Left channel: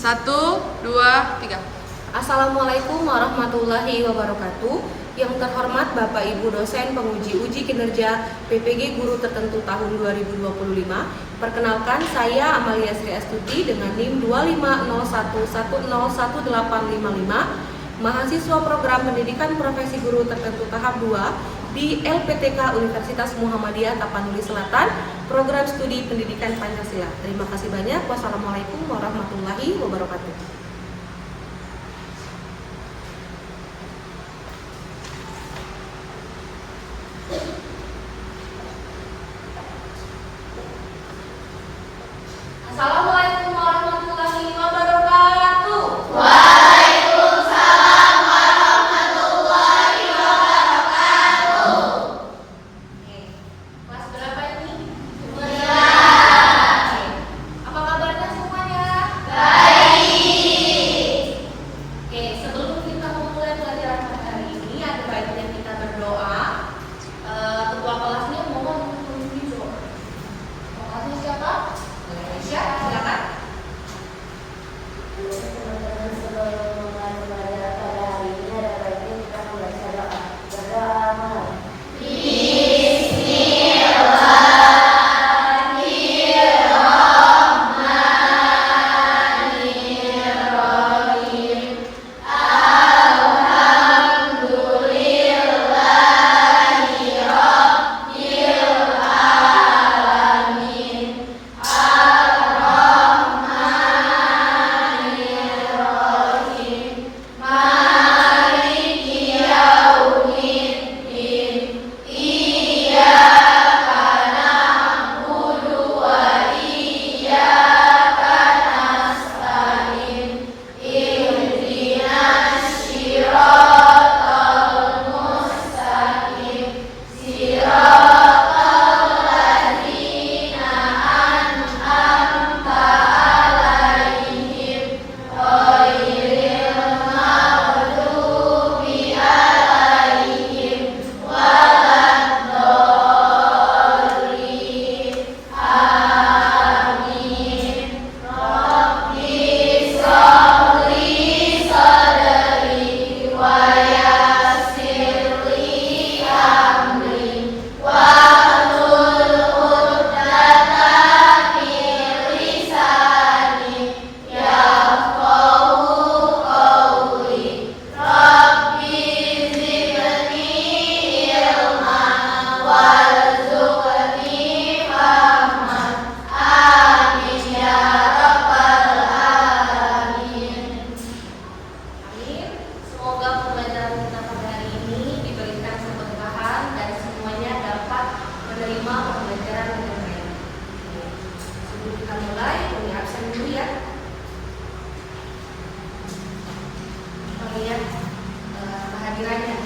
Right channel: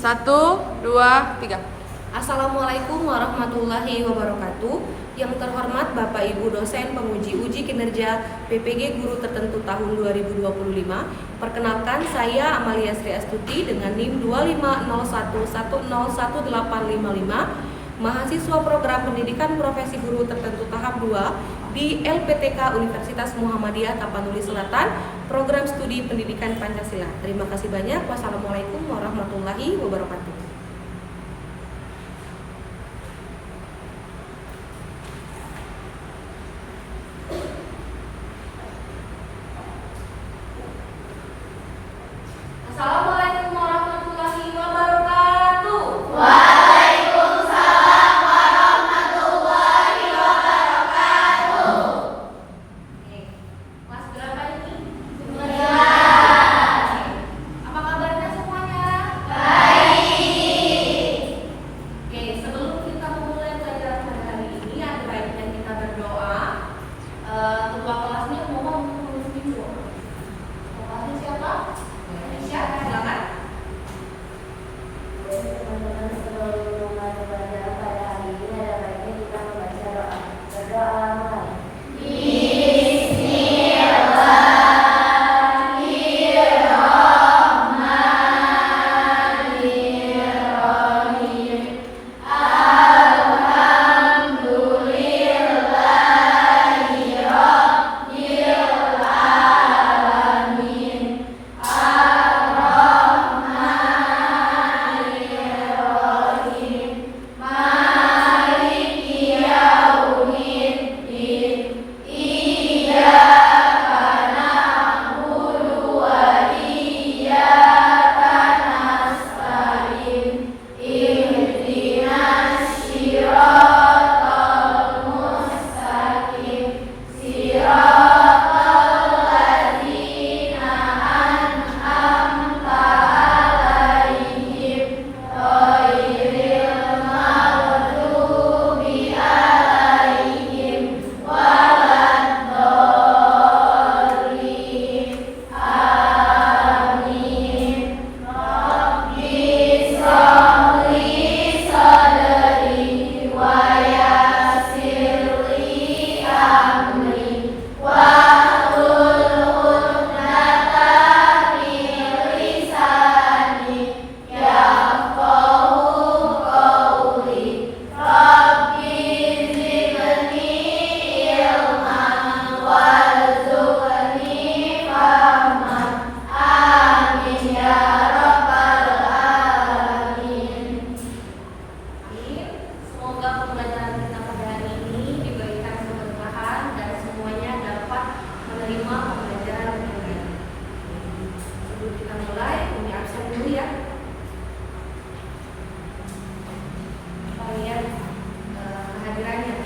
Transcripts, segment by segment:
1, 2, 3. Assalamualaikum warahmatullahi wabarakatuh. Yang terhormat Bapak Ibu dosen penguji uji kinerja PPG Guru Tertentu tahun 2025. Perkenalkan, saya Amalia Sri Astuti dengan NIM 2501101855, mahasiswa program pendidikan profesi guru tertentu tahap 2 di LPTK Universitas Muhammadiyah Tapanuli Selatan, program studi pendidikan Pancasila. Terima kasih banyak. Wassalamualaikum warahmatullahi wabarakatuh. Assalamualaikum warahmatullahi wabarakatuh. Waalaikumsalam warahmatullahi wabarakatuh. Oke, kelas berapa ini? 2. Apa kabarnya semuanya? Baik. Oke, sebelum kita memulai pelajaran pada hari ini, ada baiknya kita berdoa. Ketua kelasnya mohon memimpin doa. Ketua kelasnya siapa? Aisyah, silakan. Semoga pembelajaran kita pada hari ini diberikan keberkahan dan semuanya dapat menerima pembelajaran dengan baik. Sebelum kita mulai, kami absen dulu ya. Kita lihat kehadirannya.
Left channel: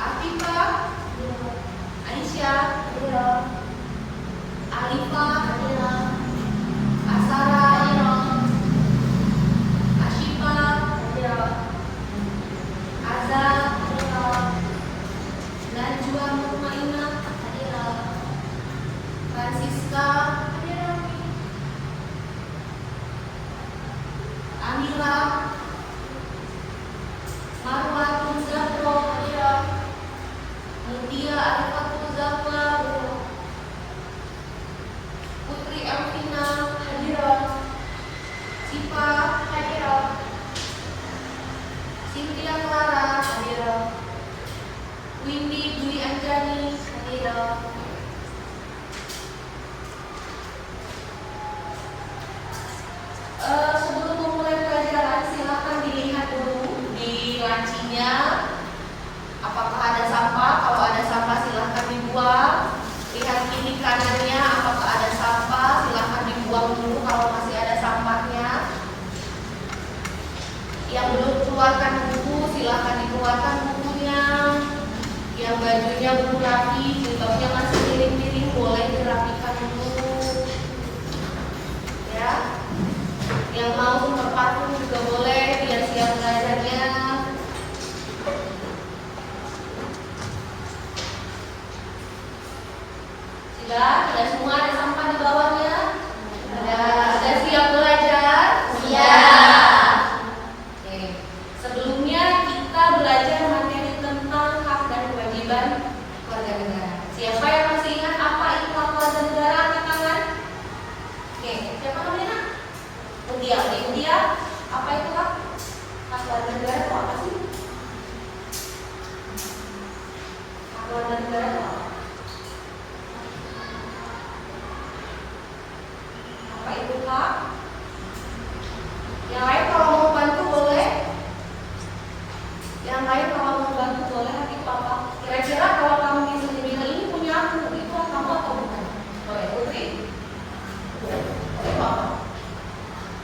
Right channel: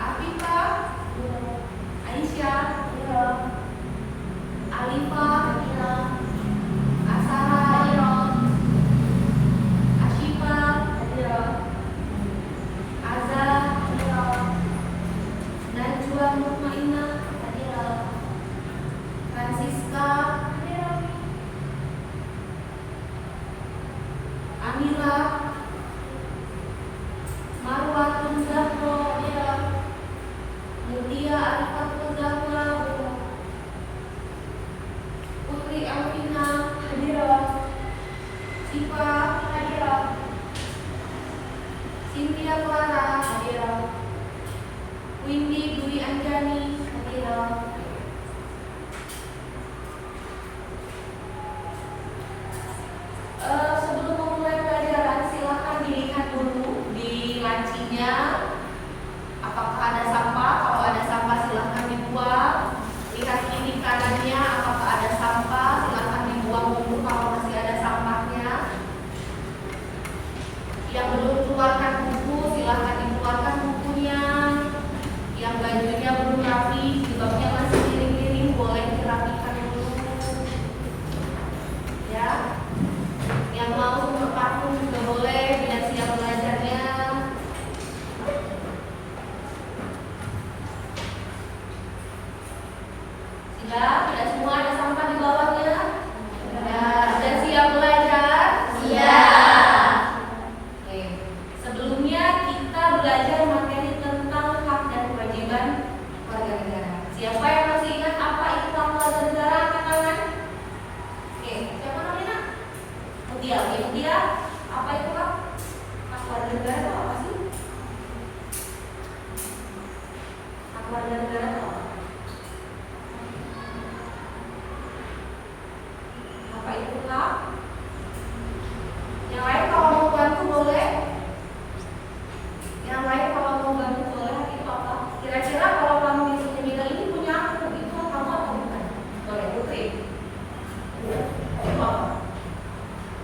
Afifah, Aisyah, Alifah, Asara, Ashifah, Azza, Najwa Mutmainah, Francisca, Amira, Marwatul Zahra, Mutia Arifatul Zahra, Putri Alvina, Siva, Cynthia Clara, Windy Dwi Anjani, sebelum memulai pelajaran, silakan dilihat dulu di lancinya apakah ada sampah. Kalau ada sampah silahkan dibuang. Lihat kiri kanannya apakah ada sampah, silahkan dibuang dulu kalau masih ada sampahnya. Yang belum keluarkan buku silahkan dikeluarkan bukunya. Yang bajunya belum rapi, jilbabnya masih miring-miring, boleh dirapikan dulu ya. Yang mau sumber parfum juga boleh, biar siap belajarnya. Sudah semua ada sampah di bawahnya? Sudah siap belajar. India. India apa itu Kak? Haluan negara itu apa sih? Haluan negara itu apa? Apa itu Kak? Yang lain kalau mau bantu boleh? Yang lain kalau mau bantu boleh? Itu apa? Kira-kira kalau kamu di sini bilang ini punya aku, itu kamu atau bukan? Boleh, Putri. Itu apa?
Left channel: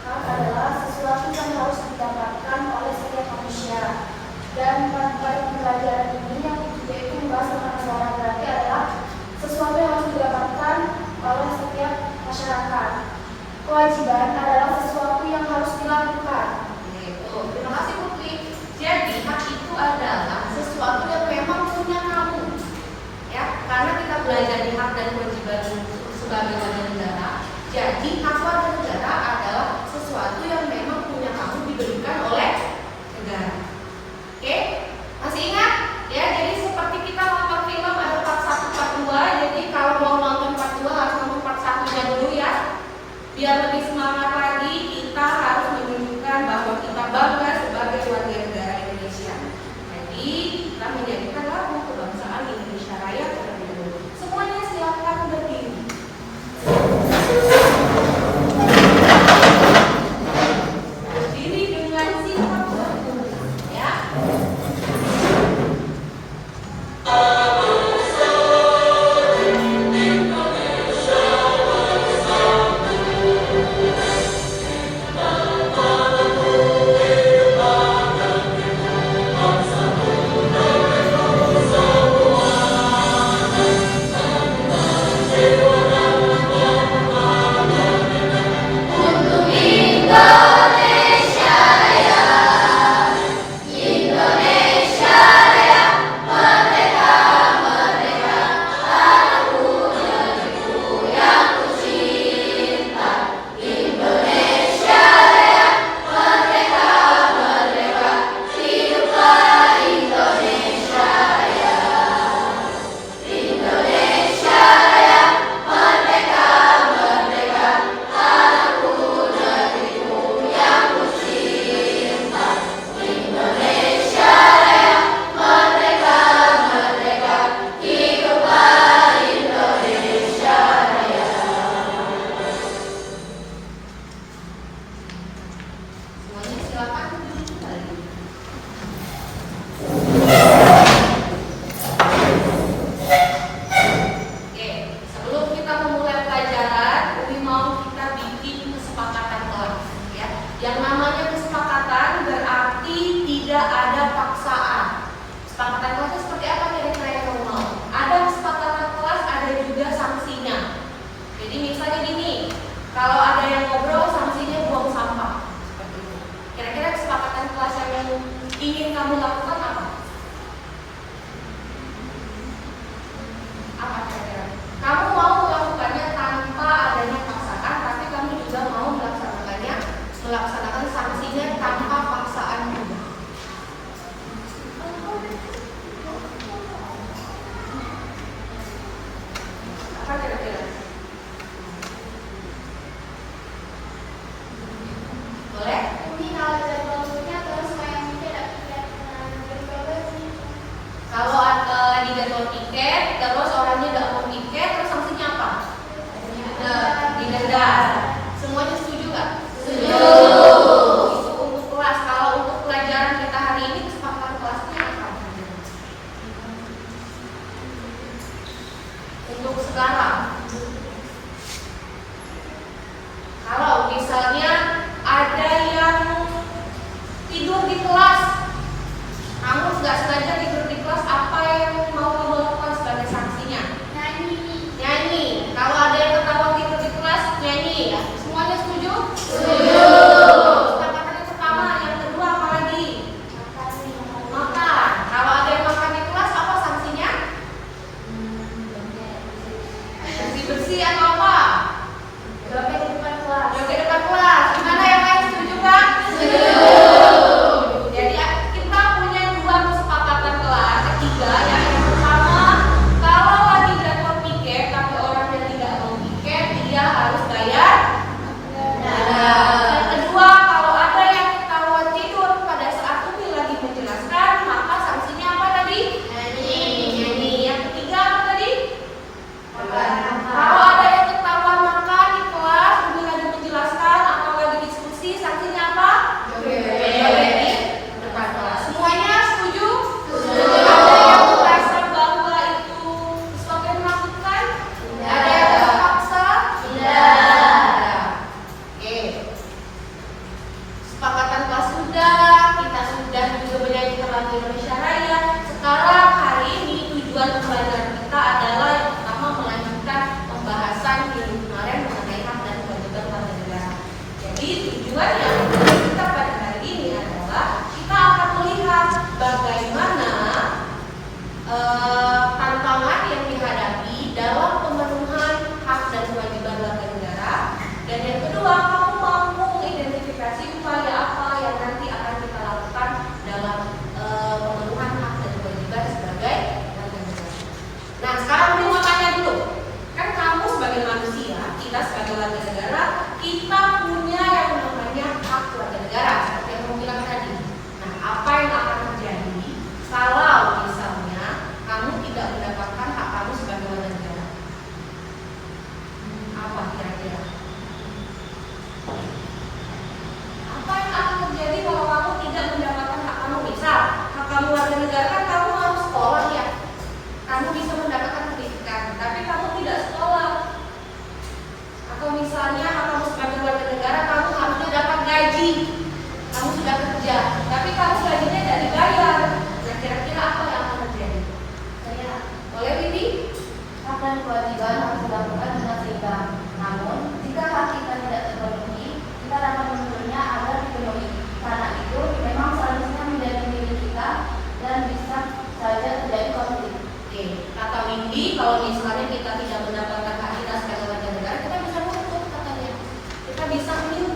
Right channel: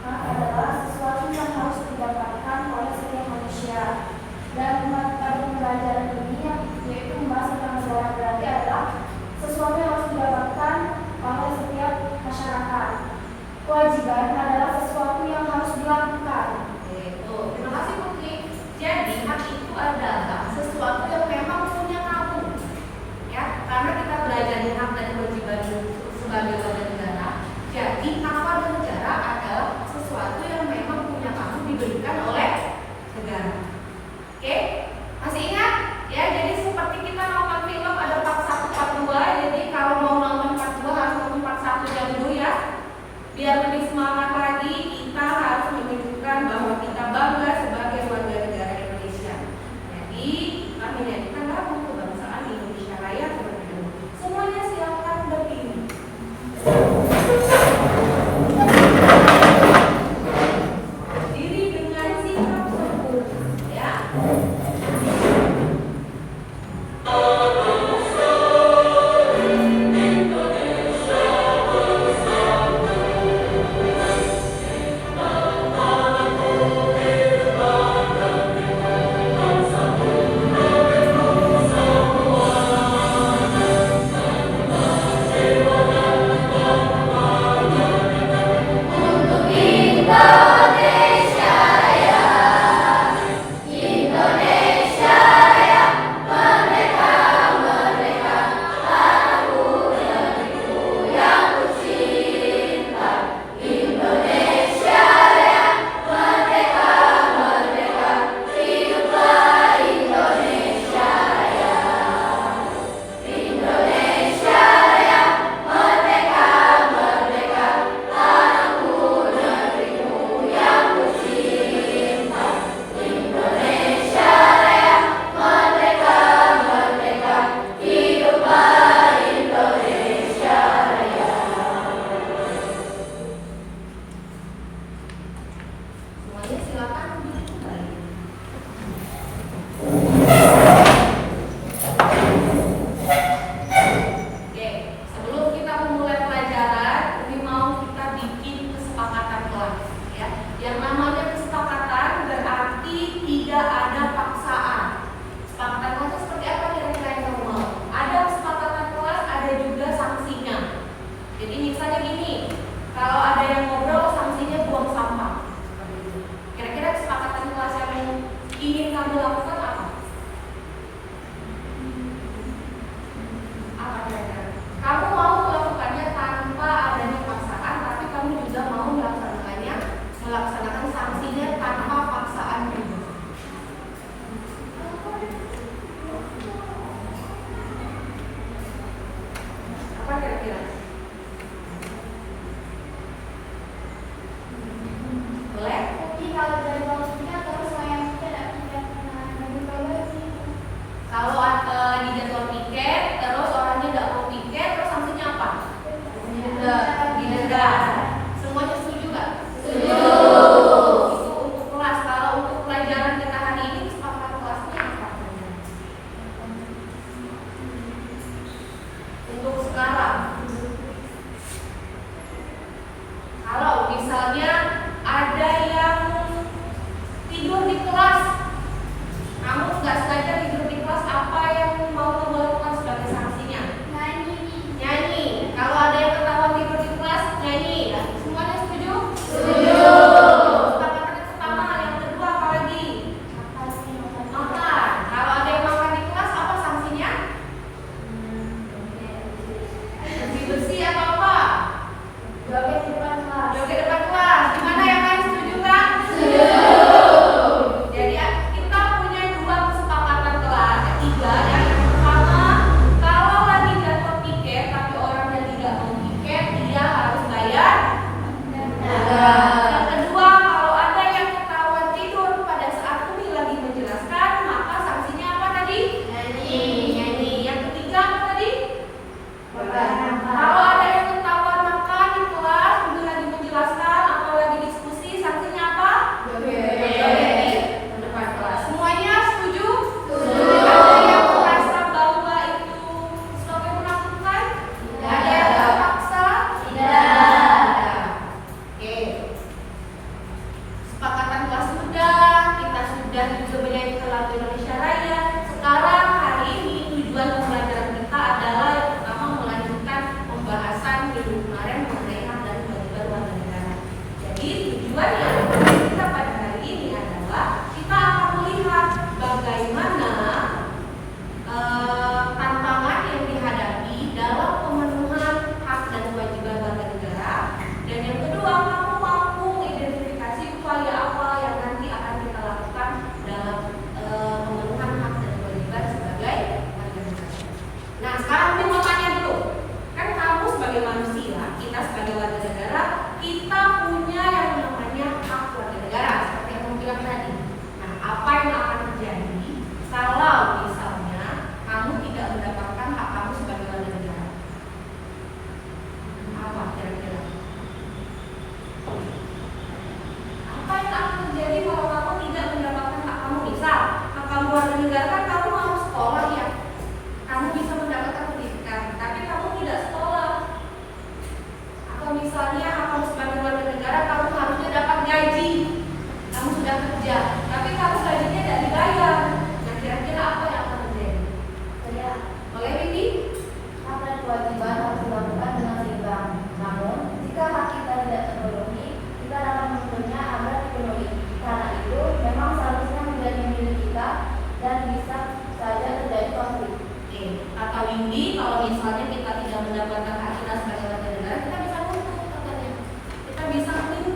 Hak adalah sesuatu yang harus didapatkan oleh setiap manusia. Dan materi pelajaran ini yaitu membahas tentang negara berarti adalah sesuatu yang harus didapatkan oleh setiap masyarakat. Kewajiban adalah sesuatu yang harus dilakukan. Itu. Terima kasih Putri. Jadi hak itu adalah sesuatu yang memang punya kamu. Ya, karena kita belajar di hak dan kewajiban sebagai warga negara. Jadi hak warga negara adalah sesuatu yang memang punya kamu diberikan oleh negara. Oke? Masih ingat? Ya, jadi seperti kita nonton film ada part 1, part 2. Jadi kalau mau nonton part 2 harus nonton part 1-nya dulu ya. Biar lebih semangat lagi, kita harus menunjukkan bahwa kita bangga sebagai warga negara Indonesia. Jadi kita menjadikan lagu kebangsaan Indonesia Raya terlebih dahulu. Semuanya silakan berdiri. Berdiri dengan sikap terhormat, ya. Kita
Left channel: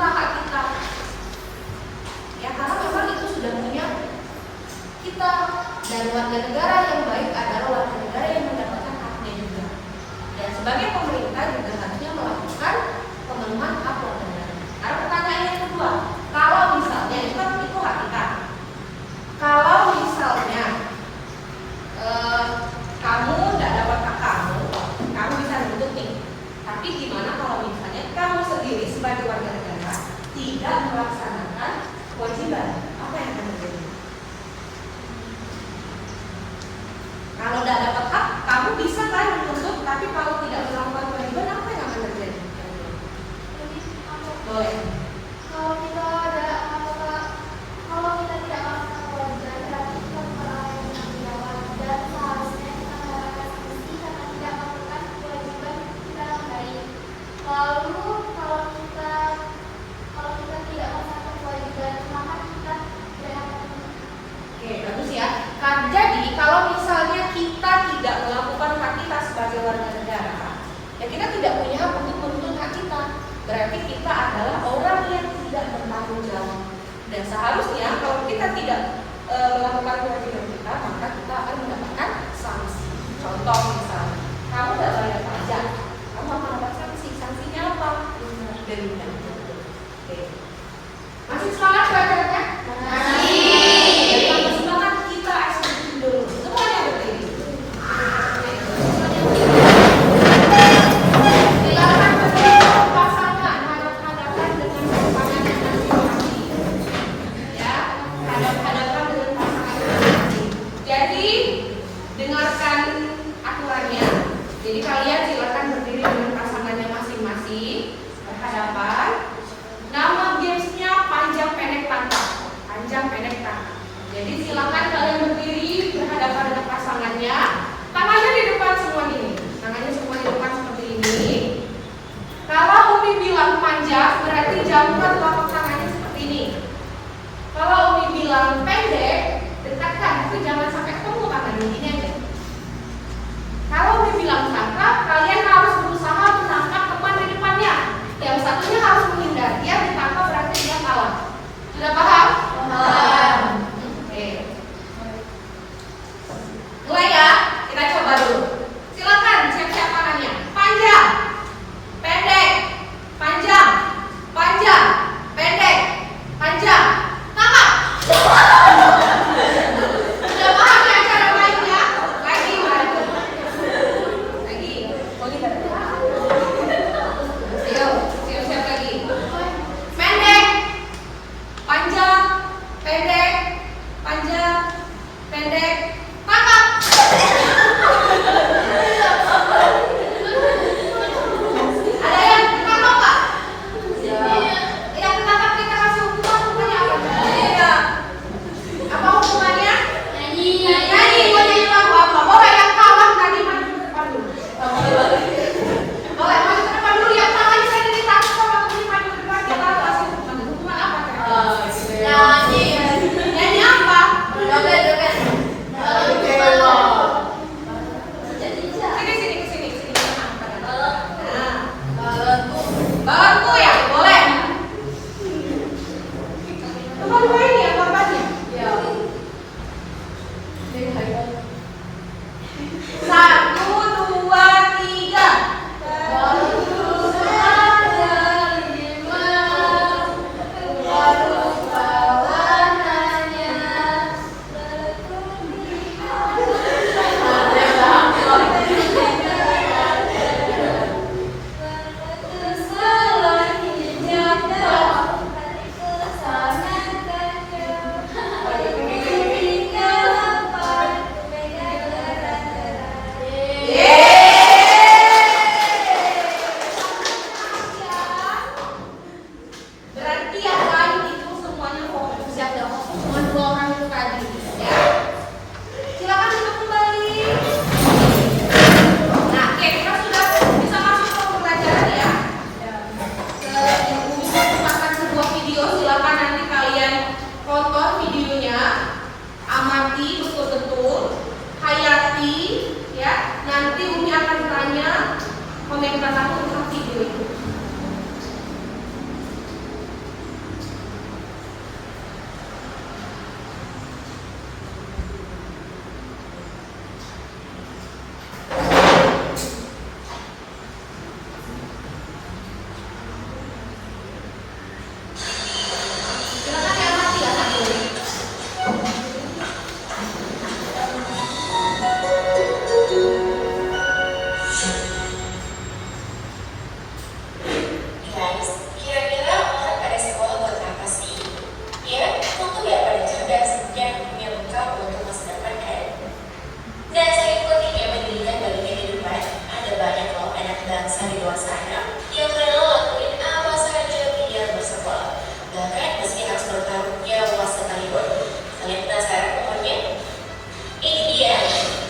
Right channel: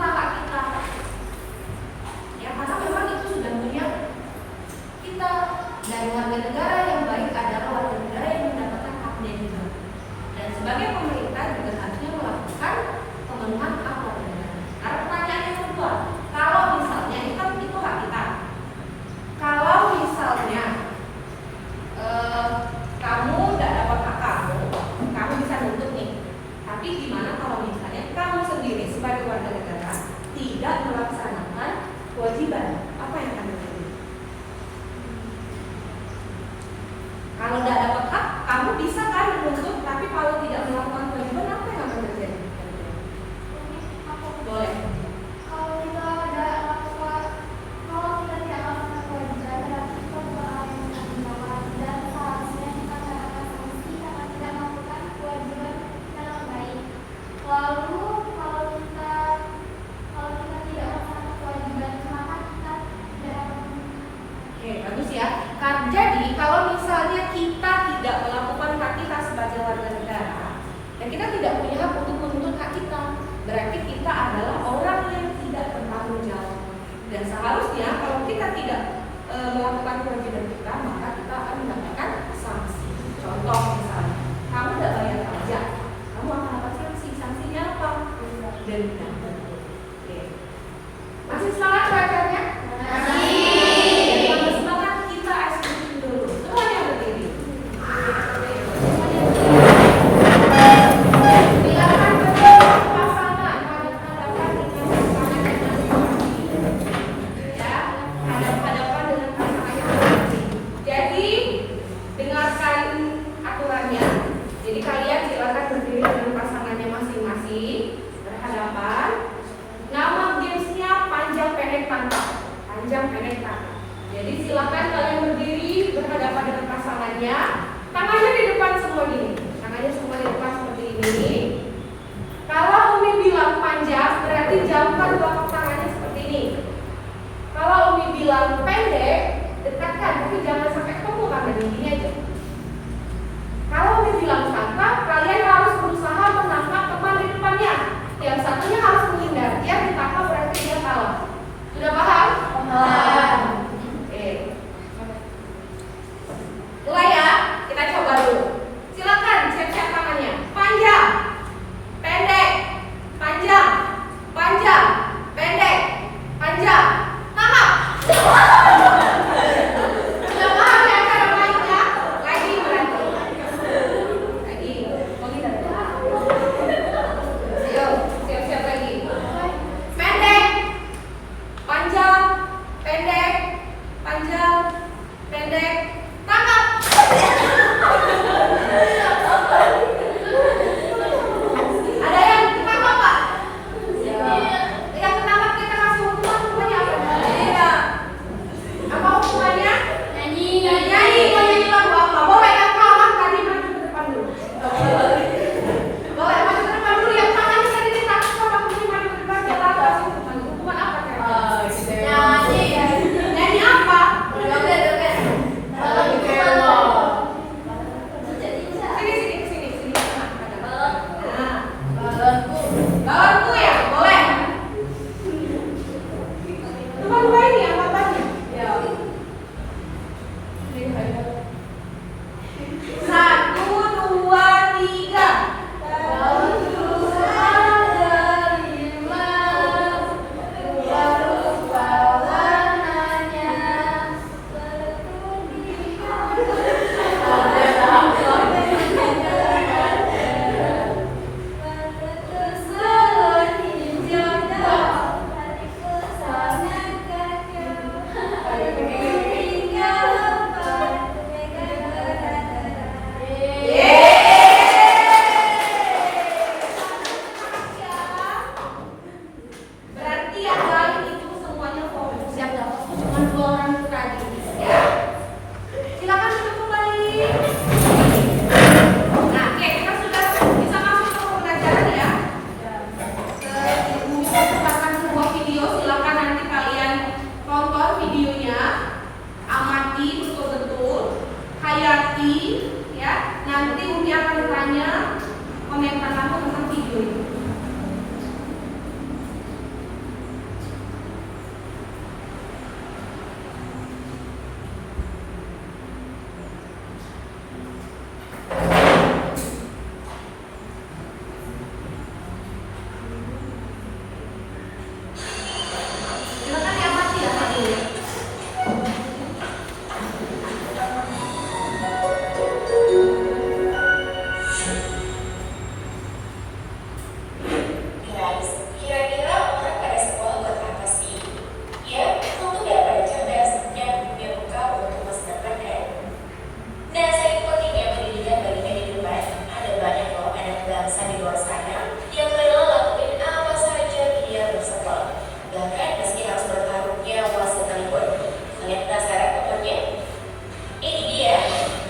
menuntut hak kita. Ya, karena memang itu sudah punya kita, dan warga negara yang baik adalah warga negara yang mendapatkan haknya juga. Dan sebagai pemerintah juga harusnya melakukan pemenuhan hak warga negara. Karena pertanyaan yang kedua, kalau misalnya itu kan itu hak kita. Kalau misalnya kamu tidak dapat hak kamu bisa nuntut nih. Tapi gimana kalau misalnya kamu sendiri sebagai warga negara tidak melaksanakan kewajiban? Apa yang akan terjadi? Kalau tidak dapat hak, kamu bisa kan menuntut, tapi kalau tidak melakukan kewajiban, apa yang akan terjadi? Boleh. Kalau kita tidak melakukan kewajiban, berarti kita melalui tindakan dan seharusnya kita melakukan sanksi karena tidak melakukan kewajiban kita yang baik. Lalu kalau kita tidak melakukan kewajiban, maka kita tidak dapat. Oke, bagus ya. Jadi kalau misalnya kita tidak melakukan hak kita sebagai warga negara, ya kita tidak punya hak untuk menuntut hak kita. Berarti kita adalah orang yang tidak bertanggung jawab. Dan seharusnya kalau kita tidak melakukan kewajiban kita, maka kita akan mendapatkan sanksi. Contoh misalnya, kamu tidak bayar pajak, kamu akan dapat sanksi. Sanksinya apa? Denda. Oke. Masih semangat belajarnya? Masih semangat, kita eksekusi dulu. Semuanya berdiri. Silakan berdiri pasangan hadap-hadapan dengan pasangan yang masing-masing. Ya, hadap-hadapan dengan pasangan masing-masing. Jadi dengarkan aturannya. Jadi kalian silakan berdiri dengan pasangannya masing-masing, berhadapan. Nama gamesnya panjang pendek tangkap. Panjang pendek tangkap. Jadi silakan kalian berdiri berhadapan dengan pasangannya. Tangannya di depan semua gini. Tangannya semua di depan seperti ini. Kalau Umi bilang panjang, berarti jauhkan telapak tangannya seperti ini. Kalau Umi bilang pendek, dekatkan, tapi jangan sampai ketemu tangan gini aja. Kalau Umi bilang tangkap, kalian harus berusaha menangkap teman di depannya. Yang satunya harus menghindar. Dia ditangkap berarti dia kalah. Sudah paham? Paham. Oke. Mulai ya, kita coba dulu. Silakan siap-siap tangannya. Panjang, pendek, panjang, panjang, pendek, panjang. Tangkap. Sudah paham ya cara mainnya? Lagi berarti. Lagi. Siap-siap lagi. Pendek, panjang, pendek, panjang, pendek, tangkap. Ada yang ketangkap Pak? Yang ketangkap kita kasih hukumannya apa? Iya. Apa hukumannya? Nyanyi. Kok nyanyi lagu apa? Boleh yang kalah tadi maju ke depan dulu. Boleh maju ke depan dulu. Yang kalah saya ditangkap sama kemudian maju ke depan. Kita kasih hukuman. Hukuman apa? Nyanyi. Nyanyi apa? Joget. Sini. Balonku ya, boleh. Teman gue ini yang makannya. Ya. 1, 2, 3. Baru saja 5. Baru warnanya. Berarti yang lain itu semuanya fokus. Siap gak fokus? Cuma 2 orang itu tadi ya. Silakan duduk kembali. Nah, oke, kita sudah bisa masuk ke pembelajaran ya. Bisa merupakan sebuah video. Silakan nanti kalian tonton videonya, amati betul-betul, hayati ya. Nanti Umi akan tanya komentar kamu tentang video itu. Bahkan meski harus bertaruh nyawa sekalipun. Kalian penasaran pokoknya? Ini dia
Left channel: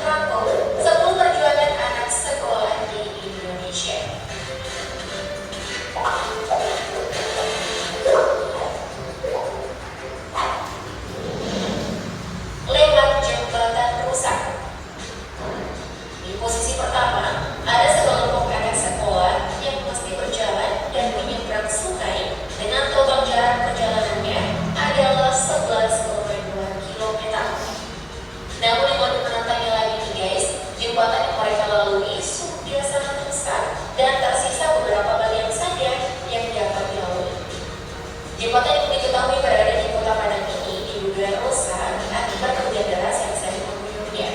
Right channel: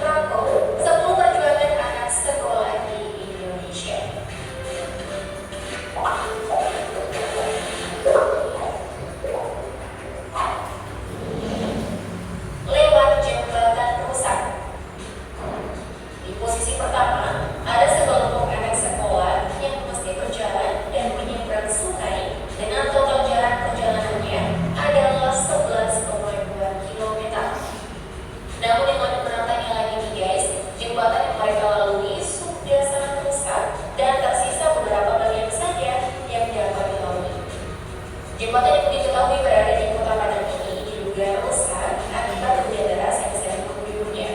rangkum 10 perjuangan anak sekolah di Indonesia. Lewat jembatan rusak. Di posisi pertama, ada sekelompok anak sekolah yang mesti berjalan dan menyeberang sungai dengan total jarak perjalanannya adalah 11,2 km. Namun yang lebih menantangnya lagi nih guys, jembatan yang mereka lalui sudah sangat rusak dan tersisa beberapa bagian saja yang dapat dilalui. Jembatan yang diketahui berada di Kota Padang ini diduga rusak akibat hujan deras yang sering mengguyurnya.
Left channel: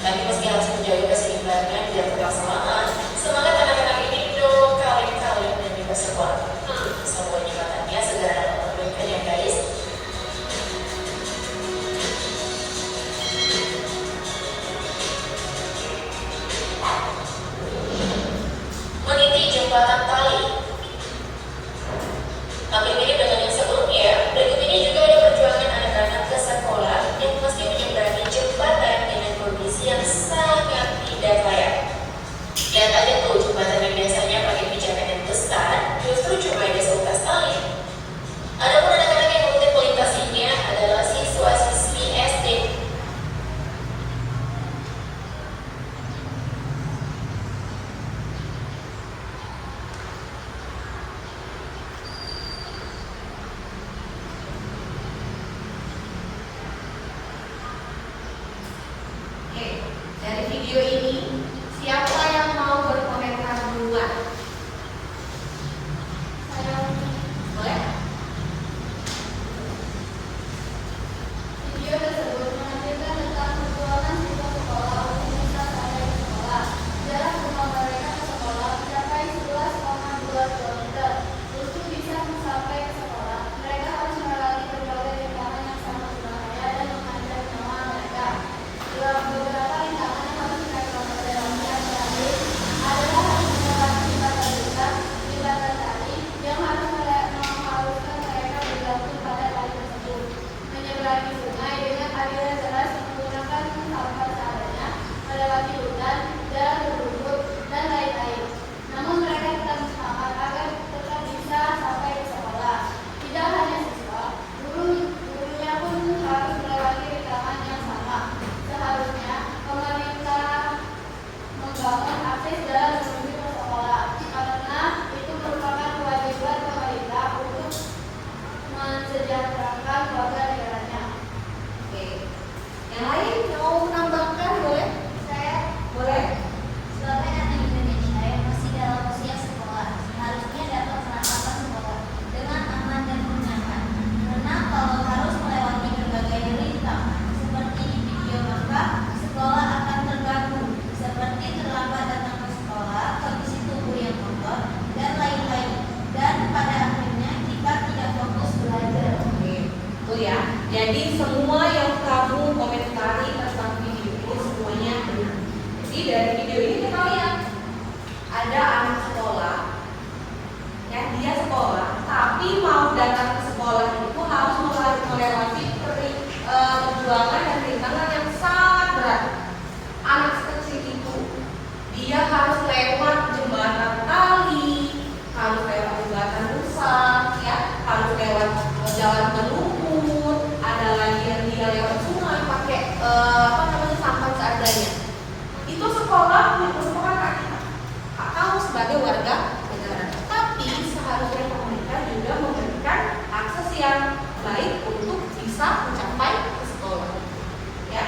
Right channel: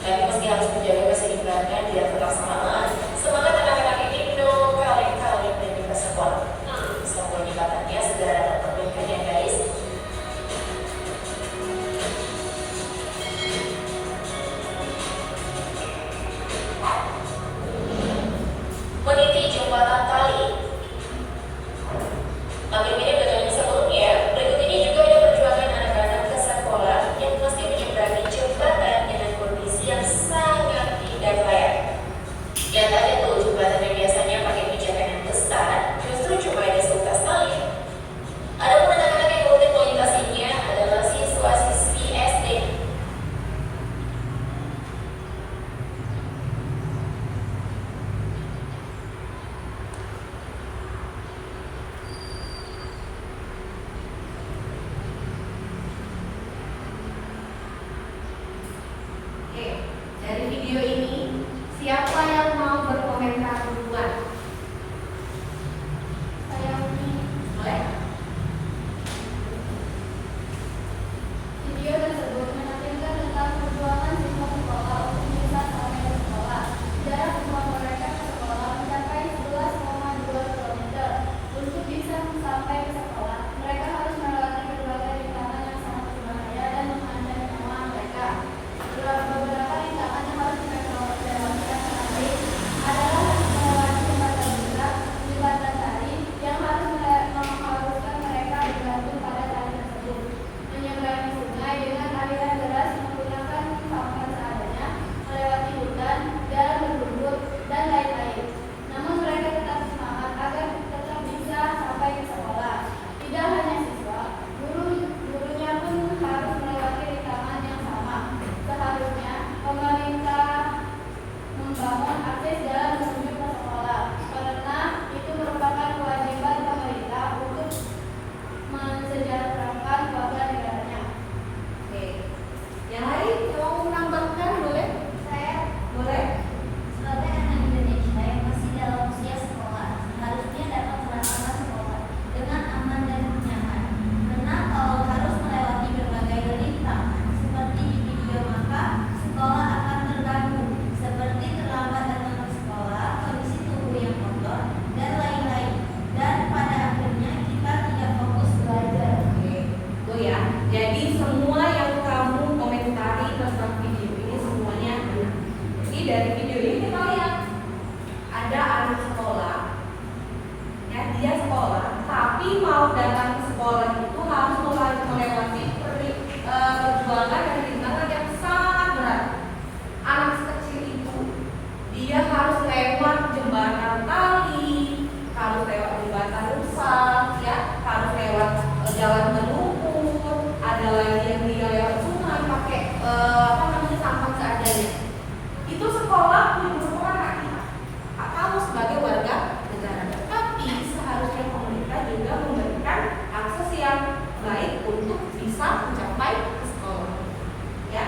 Tapi meski harus menjaga keseimbangan dan pelaksanaan, semangat anak-anak ini no kaleng-kaleng dan juga sekolah. Semoga jembatannya segera dapat perbaikan ya guys. Meniti jembatan tali. Hampir mirip dengan yang sebelumnya, berikut ini juga ada perjuangan anak-anak ke sekolah yang mesti menyeberangi jembatan dengan kondisi yang sangat tidak layak. Lihat aja tuh jembatan yang biasanya pakai pijakan yang besar, justru cuma ada seutas tali. Adapun anak-anak yang rutin melintasinya adalah siswa-siswi SD. Oke, dari video ini siapa yang mau berkomentar duluan? Boleh? Video tersebut menunjukkan tentang perjuangan siswa sekolah untuk bisa sampai di sekolah. Jarak rumah mereka ke sekolah mencapai 11,2 km. Untuk bisa sampai ke sekolah, mereka harus melewati berbagai rintangan yang sangat berbahaya dan mengancam nyawa mereka. Beberapa rintangan yang harus mereka lewati dalam perjalanan adalah harus melewati jembatan besar, jembatan tali yang mengharuskan mereka bergantung pada tali tersebut. Menyeberangi sungai dengan aliran deras menggunakan sampah seadanya, melewati hutan, jalan berbukit, dan lain-lain. Namun mereka tetap semangat agar tetap bisa sampai ke sekolah. Tidak hanya siswa, gurunya pun harus melewati rintangan yang sama. Seharusnya pemerintah membangun akses jalan menuju ke sekolah, karena itu merupakan kewajiban pemerintah untuk mensejahterakan warga negaranya. Oke. Yang lain mau menambahkan boleh? Saya Boleh? sebagai anak Indonesia yang masih dalam usia sekolah, seharusnya dapat melakukan sekolah dengan aman dan nyaman. Karena kalau harus melewati berbagai rintangan seperti di video, maka sekolah akan terganggu, seperti terlambat datang ke sekolah, kondisi tubuh yang kotor, dan lain-lain. Dan pada akhirnya kita tidak fokus belajar. Oke, itu ya. Jadi semua yang kamu komentari tentang video ini semuanya benar. Jadi dari video ini kita lihat ada anak sekolah, ya dia sekolah, tapi mau datang ke sekolah itu harus melewati perjuangan dan rintangan yang sangat berat. Anak kecil itu dia harus lewat jembatan tali, harus lewat jembatan rusak, ya, harus lewat jalan berlumpur, ada lagi yang dia lewat sungai pakai sampah seadanya. Itu sekolah merupakan hak kita atau sebagai warga negara. Tapi seharusnya pemerintah juga memberikan akses yang baik untuk bisa mencapai ke sekolah, ya.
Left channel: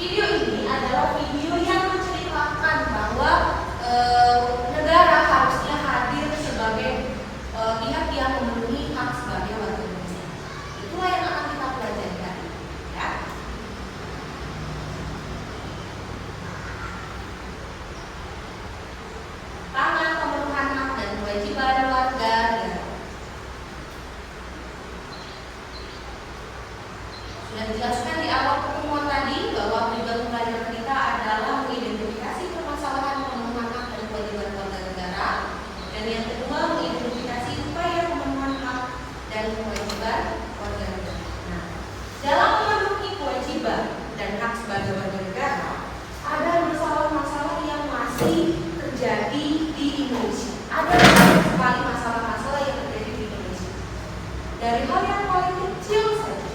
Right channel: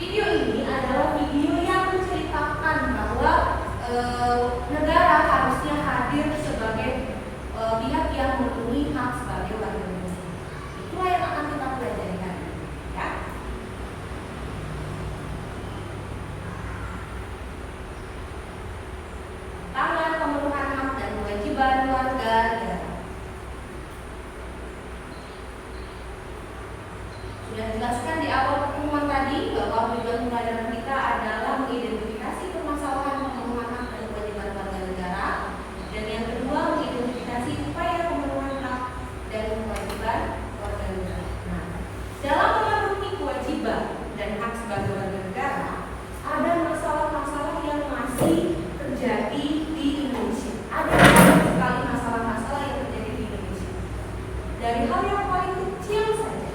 Video ini adalah video yang menceritakan bahwa negara harusnya hadir sebagai pihak yang memenuhi hak sebagai warga Indonesia. Itulah yang akan kita pelajari hari ini, ya. masih terjadi di Indonesia. Ada banyak sekali masalah-masalah yang terjadi di Indonesia. Dari hal yang paling kecil saja.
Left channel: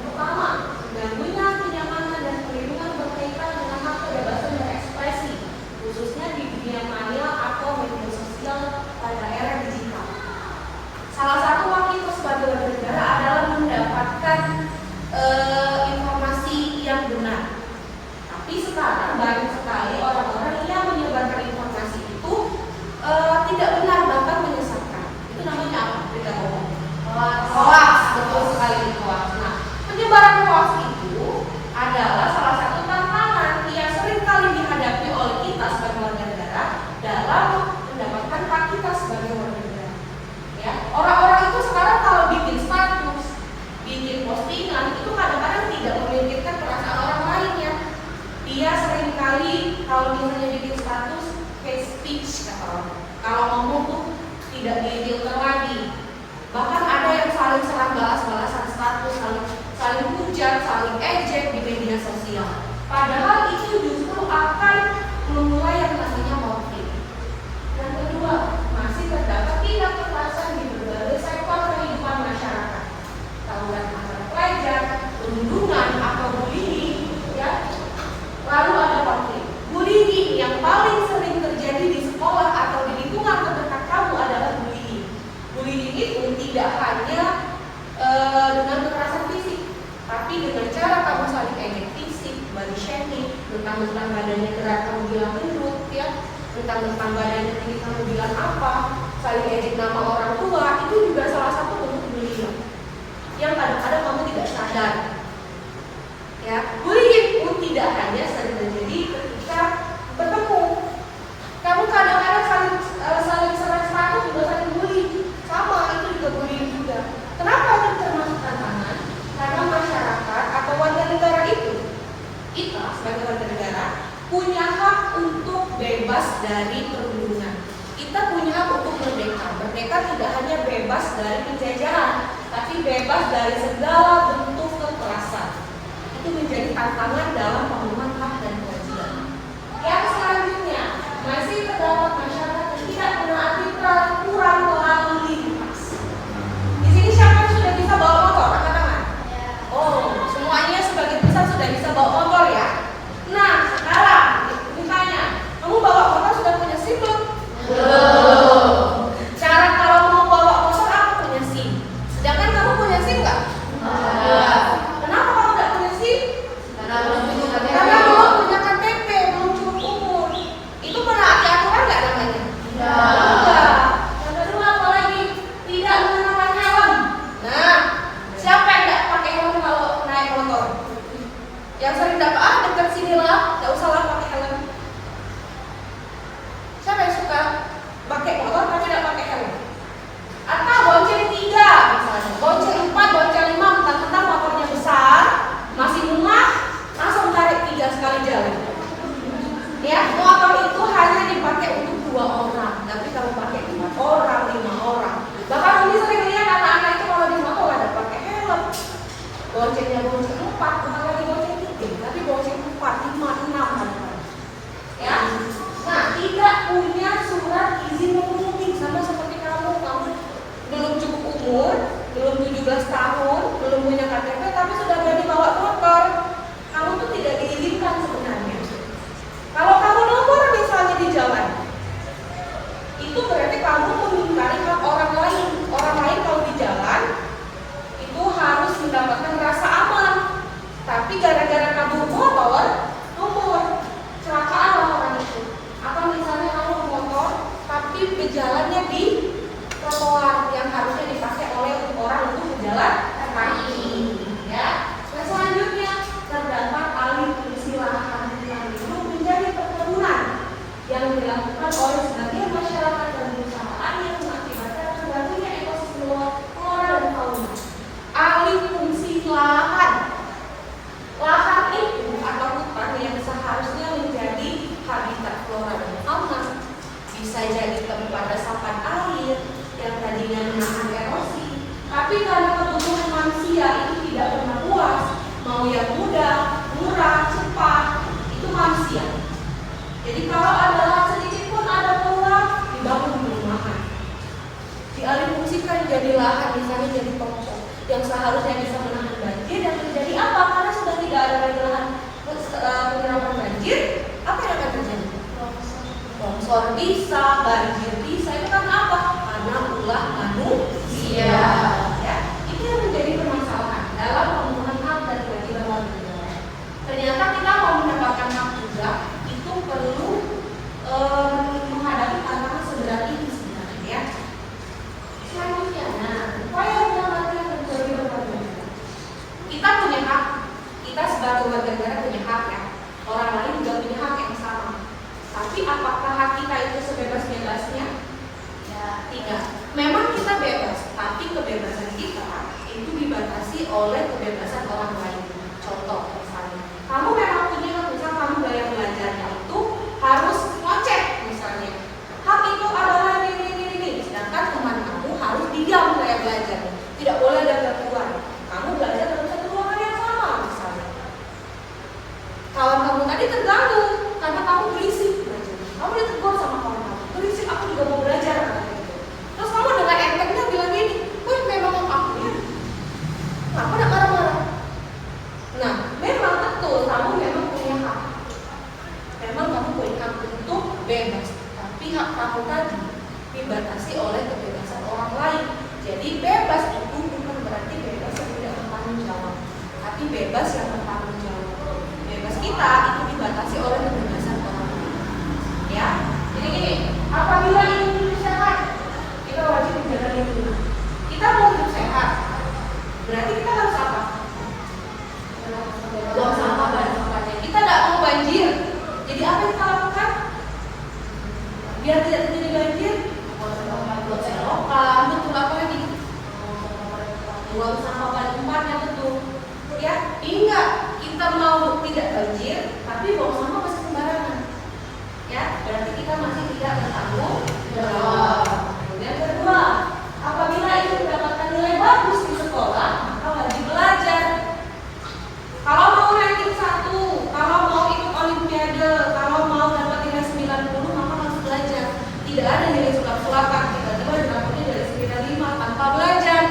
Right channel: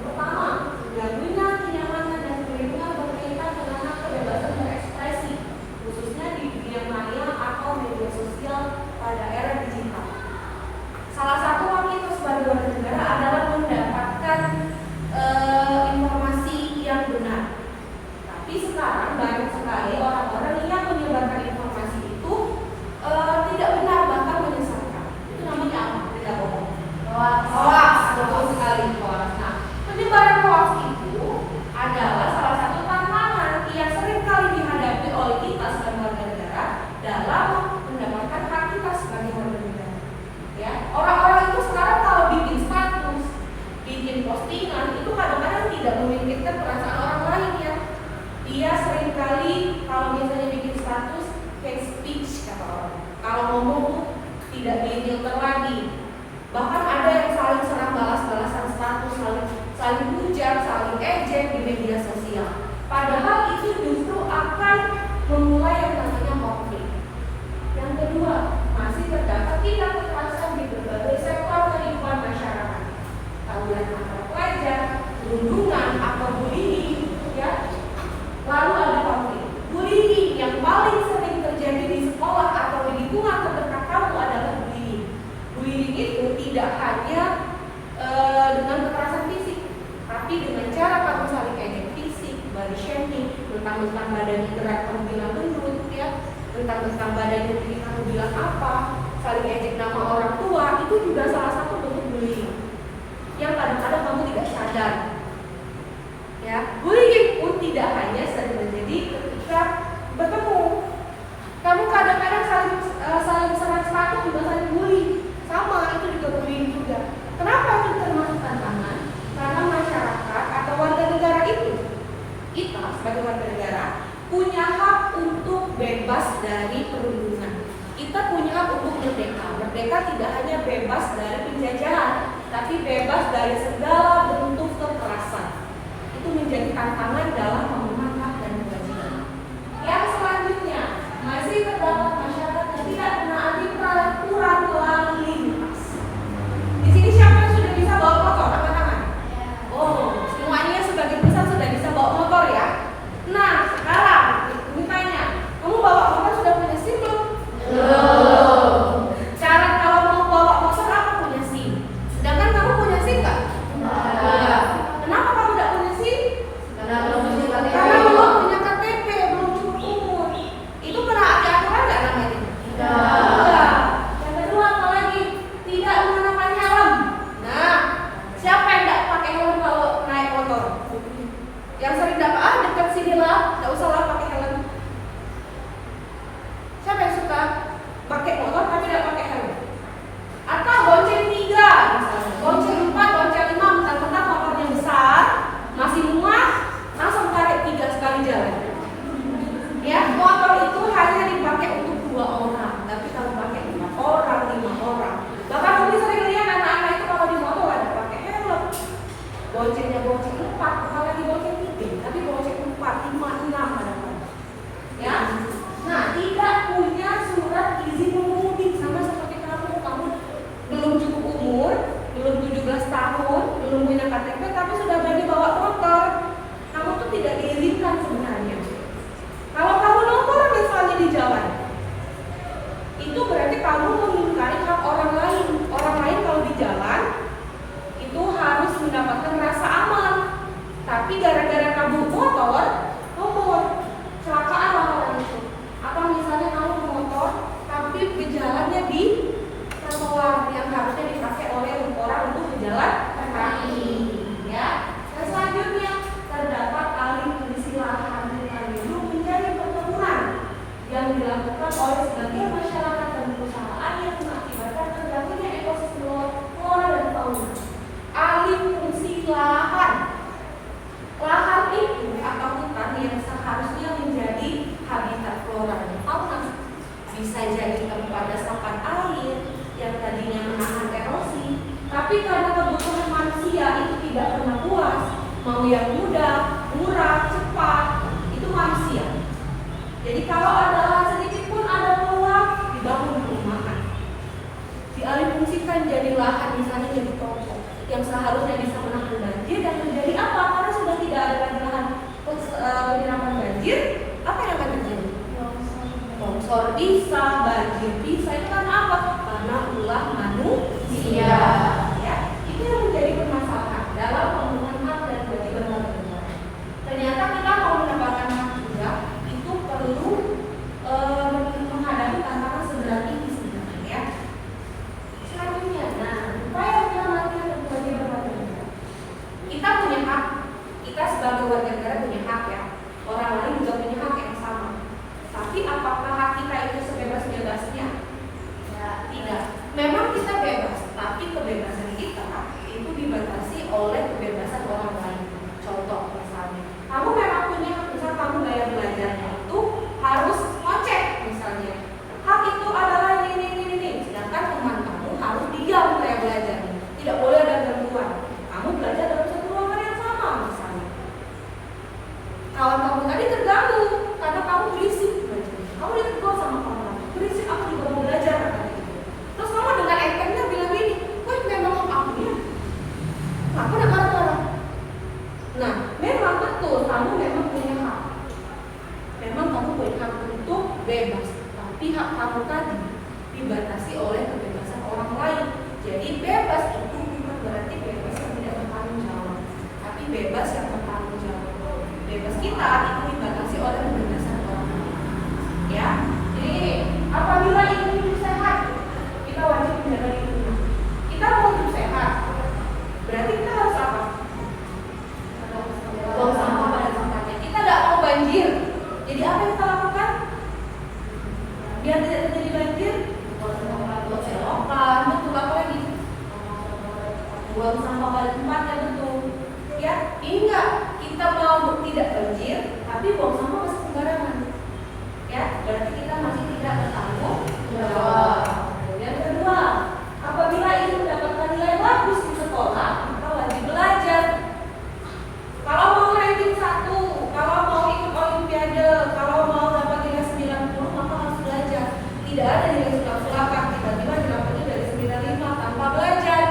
Pertama, terganggunya kenyamanan dan perlindungan berkaitan dengan hak kebebasan berekspresi, khususnya di dunia maya atau media sosial pada era digital. Salah satu hak kita sebagai warga negara adalah mendapatkan informasi yang benar. Tapi sekarang banyak sekali orang-orang yang menyebarkan informasi itu tidak benar, bahkan menyesatkan. Itu namanya apa? Berita bohong. Hoax, betul sekali hoax. Nah, penyebaran hoax itu adalah salah satu tantangan yang sering kali dihadapi oleh kita sebagai warga negara dalam mendapatkan hak kita sebagai warga negara. Ya, orang-orang itu sekarang kalau bikin status, bikin postingan itu kadang-kadang tidak memikirkan perasaan orang lain ya. Dia seringkali kalau misalnya bikin status hate speech kata orang. Kalau ngomong tuh tidak difilter lagi. Bahkan ada yang saling serang balas-balasan status, saling hujat, saling ejek di media sosial. Padahal itu justru akan memulai yang namanya konflik. Yang kedua, masih terdapat tindak kekerasan di berbagai sektor kehidupan masyarakat. Tawuran antar pelajar, perundungan atau bullying, ya. Lalu ada konflik. Bullying yang paling sering terjadi di sekolah atau di lingkungan terdekat kamu adalah bullying. Bullying itu tidak hanya dengan kekerasan fisik, tapi dengan cara kamu saling ejek fisik, body shaming, mentang-mentang badannya gerak kamu bilang gendut, ya, mentang-mentang badannya tinggi kamu bilang apa, saling ejek nama orang tua, itu juga salah satu bentuk bullying yang kadang-kadang kamu tidak sadar. Ya, bullying pun tidak hanya sering terjadi ketika bertemu. Kamu kadang-kadang saling serang status juga saling bully. Sama, itu juga bullying juga. Kenapa itu termasuk tantangan? Karena masyarakat atau warga negara itu, kita sebagai warga negara punya hak untuk bebas dari perundungan. Kita punya hak untuk merdeka. Merdeka tidak hanya bebas dari penjajahan, tapi bebas dari segala bentuk kekerasan. Itu menjadi tantangan dalam memenuhi hak dan kewajiban. Yang selanjutnya, masih terdapat masyarakat yang tidak menaati peraturan lalu lintas. Di sini siapa yang sudah bisa bawa motor? Angkat tangan. Oh, semuanya sebagian besar sudah bisa bawa motor ya. Nah, sekarang ditanya, kamu bawa motor sudah punya SIM belum? Belum. Cara kalau mau bawa motor apa punya SIM? Sedangkan kamu punya SIM nggak? Enggak. Kenapa kamu nggak punya SIM? Karena belum punya KTP, belum cukup umur. Itu pernah ada aturan nggak namanya? Enggak. Yang kedua apa lagi? Tidak menggunakan helm. Nah, siapa yang nggak pakai helm kalau naik motor? Yang sering dapat dekat sini lah, nggak usah lah pakai helm. Siapa yang suka pakai motor tapi nggak pakai helm? Atau bonceng 3 misalnya, bonceng 4, bonceng 5, mentang-mentang motornya besar, masih muat, langsung tarik 3 sekali jalan. Ya, motor itu hanya dipakai untuk 2 orang, tapi kalau pakai 4 orang, 5 orang. Bahkan Umi sering lihat anak-anak itu kalau di motor ada pakai helm. Boncengnya bonceng 4, bukan lagi bonceng 3, tapi bonceng 4, 5, 6 ada. Ya. Nah, tidak punya surat izin mengemudi sama seperti kamu belum cukup umur, belum 17 tahun, belum punya KTP, tapi sudah berani bawa motor. Kamu tuh tidak diizinkan sebenarnya. Kalau kamu nomor misalnya di jalan, itu berarti kamu mengingkari hak orang lain. Orang lain kalau di jalan itu harus mendapatkan rasa aman. Tapi gara-gara kamu motor, nomor celakalah orang itu. Atau misalnya kamu motor, tapi berjalannya di trotoar yang harusnya dipakai oleh orang untuk berjalan kaki, ya. Dan selanjutnya terdapat alih fungsi lahan untuk menjadi perkebunan yang dilakukan oleh sebagian masyarakat dan perusahaan yang mengakibatkan terganggunya ekosistem flora dan fauna. Alih fungsi lahan, lahan itu atau hutan yang seharusnya menjadi habitat flora dan fauna bisa jadi tempat resapan air yang tadinya menahan erosi, tapi karena kebutuhan manusia itu tidak pernah puas, mau yang mudah, murah, cepat, itu manusia. Jadi kalau ada fungsikan jadi lahan, misalnya jadi toko yang seharusnya bisa menahan banjir, dan menjadi apa? Karena sudah tidak ada lagi lahan penyiraman banjir, apa yang akan terjadi? Longsor bisa, banjir bisa. Itu karena apa? Karena ulah manusia. Ya, itu yang menjadi permasalahan dalam pemenuhan hak dan kewajiban warga negara. Ternyata kita mau mendapatkan hak juga itu perlu menghadapi tantangan seberat ini sebenarnya, ya. Selanjutnya, upaya penyelamatan dan kewajiban warga negara. Kita punya hak, kita sebagai warga negara punya hak, ya. Orang lain juga punya hak yang sama. Tapi apakah hak kita itu sebebas-bebasnya? Ya, tidak. Memang kita bebas, tapi kebebasan kita itu dibatasi oleh kebebasan orang lain. Contoh misalnya, kamu memang punya hak, misal kamu bayar belajarnya itu harus ngecek misalnya. Hak itu adalah ini. Sedangkan teman kamu harus diam kayak belajarnya. Tidak boleh ada gangguan. Kamu belajar dalam satu ruangan yang sama misalnya. Kawan kamu tadi terganggu karena kamu berisik belajar. Kamu ditegur sama kawan kamu, berisik, aku juga mau belajar. Terus kamu dengan entengnya bilang gini, "Woi, memang aku ya. Kamu nak marah-marah." Nah, memang betul kamu memang punya hak. Memang kamu punya hak untuk bebas. Tapi hak kamu tadi dibatasi oleh kebebasan orang lain. Jadi bebas itu bukan berarti bebas yang tidak bertanggung jawab, tapi bebas yang bertanggung jawab. Bebas kita itu dibatasi oleh kebebasan orang lain. Ya, jadi gini, apabila ingin hidup sehat, kita wajib menjaga lingkungan. Kita mau hidup sehat, berarti kita harus apa? Buang sampah pada tempatnya. Kita tidak mau banjir. Jadi apa yang kita lakukan? Biar tidak terjadi banjir, buang sampah, buat selokan, betul, apa lagi? Buang sampah pada tempatnya, betul. Ya, hingga kita mau tidak banjir, tapi buang sampah masih sembarangan. Ya, berarti kita masih tidak bertanggung jawab. Yang kedua, apabila ingin mendapatkan nilai bagus di sekolah, maka wajib belajar. Kalau mau ranking 1, kalau mau ikut olimpiade, kalau mau dapat nilai 90, maka harus belajar. Tidak ada nilai sulap-sulapan, tiba-tiba dapatnya dari 95 tanpa belajar.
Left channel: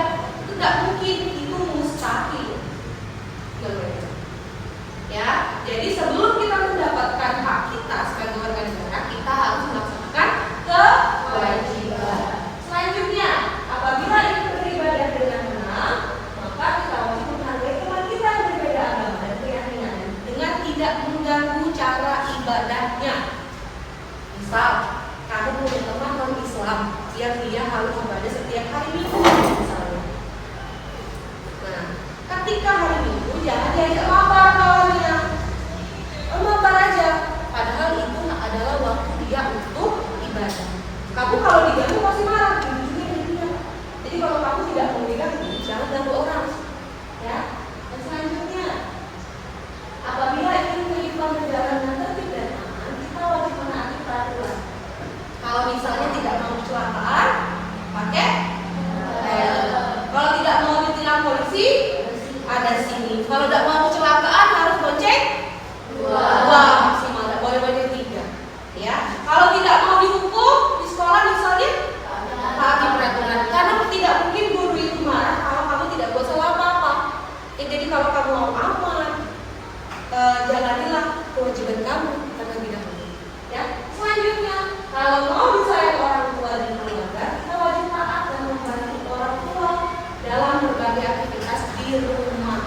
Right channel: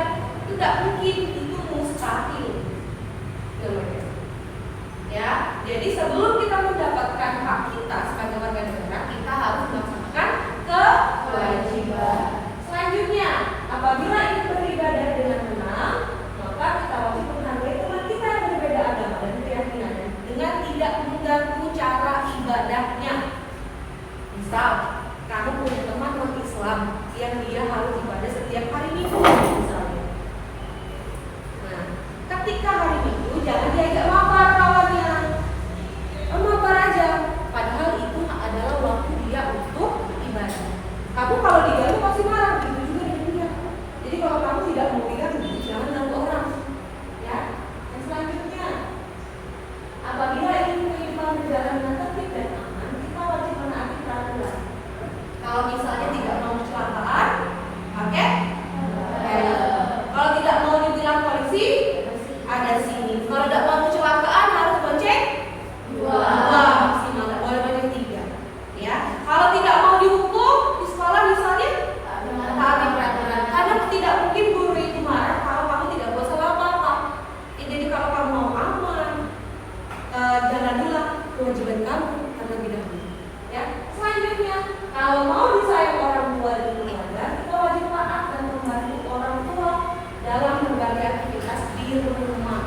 Itu tidak mungkin, itu mustahil. Ya, jadi sebelum kita mendapatkan hak kita sebagai warga negara, kita harus melaksanakan kewajiban. Selanjutnya, apabila ingin beribadah dengan tenang, maka kita wajib menghargai teman kita yang berbeda agama dan keyakinan dengan tidak mengganggu cara ibadahnya. Misal, kamu punya teman non-Islam yang dia harus ibadah setiap hari Minggu, misalnya. Nah, ketika hari Minggu jangan diajak mabar kawannya. Mabar aja. Padahal itu adalah waktu dia untuk ibadah. Kamu kalau diganggu pasti marah, juga. Jadi kalau kamu tidak mau diganggu, jangan ganggu orang. Ya. Dan selanjutnya, apabila ingin kehidupan berjalan dengan tertib dan aman, kita wajib menaati peraturan. Kalau misalnya tidak mau kecelakaan, pakai helm. Kalau tidak mau ditilang polisi, ada sini. Kalau tidak mau kecelakaan harus bonceng 2 maksimal, tidak boleh bonceng 3. Ya. Kalau tidak mau dihukum di sekolah misalnya, taati peraturan. Karena tidak mungkin guru itu marah kalau kamu tidak buat salah apa-apa. Jadi kalau kamu mau aman, jalanilah kewajiban kamu terlebih dahulu. Ya. Selanjutnya, kalau mau disayang orang tua dan keluarga, kita wajib taat dan membantu orang tua dalam berbagai aktivitas di rumah.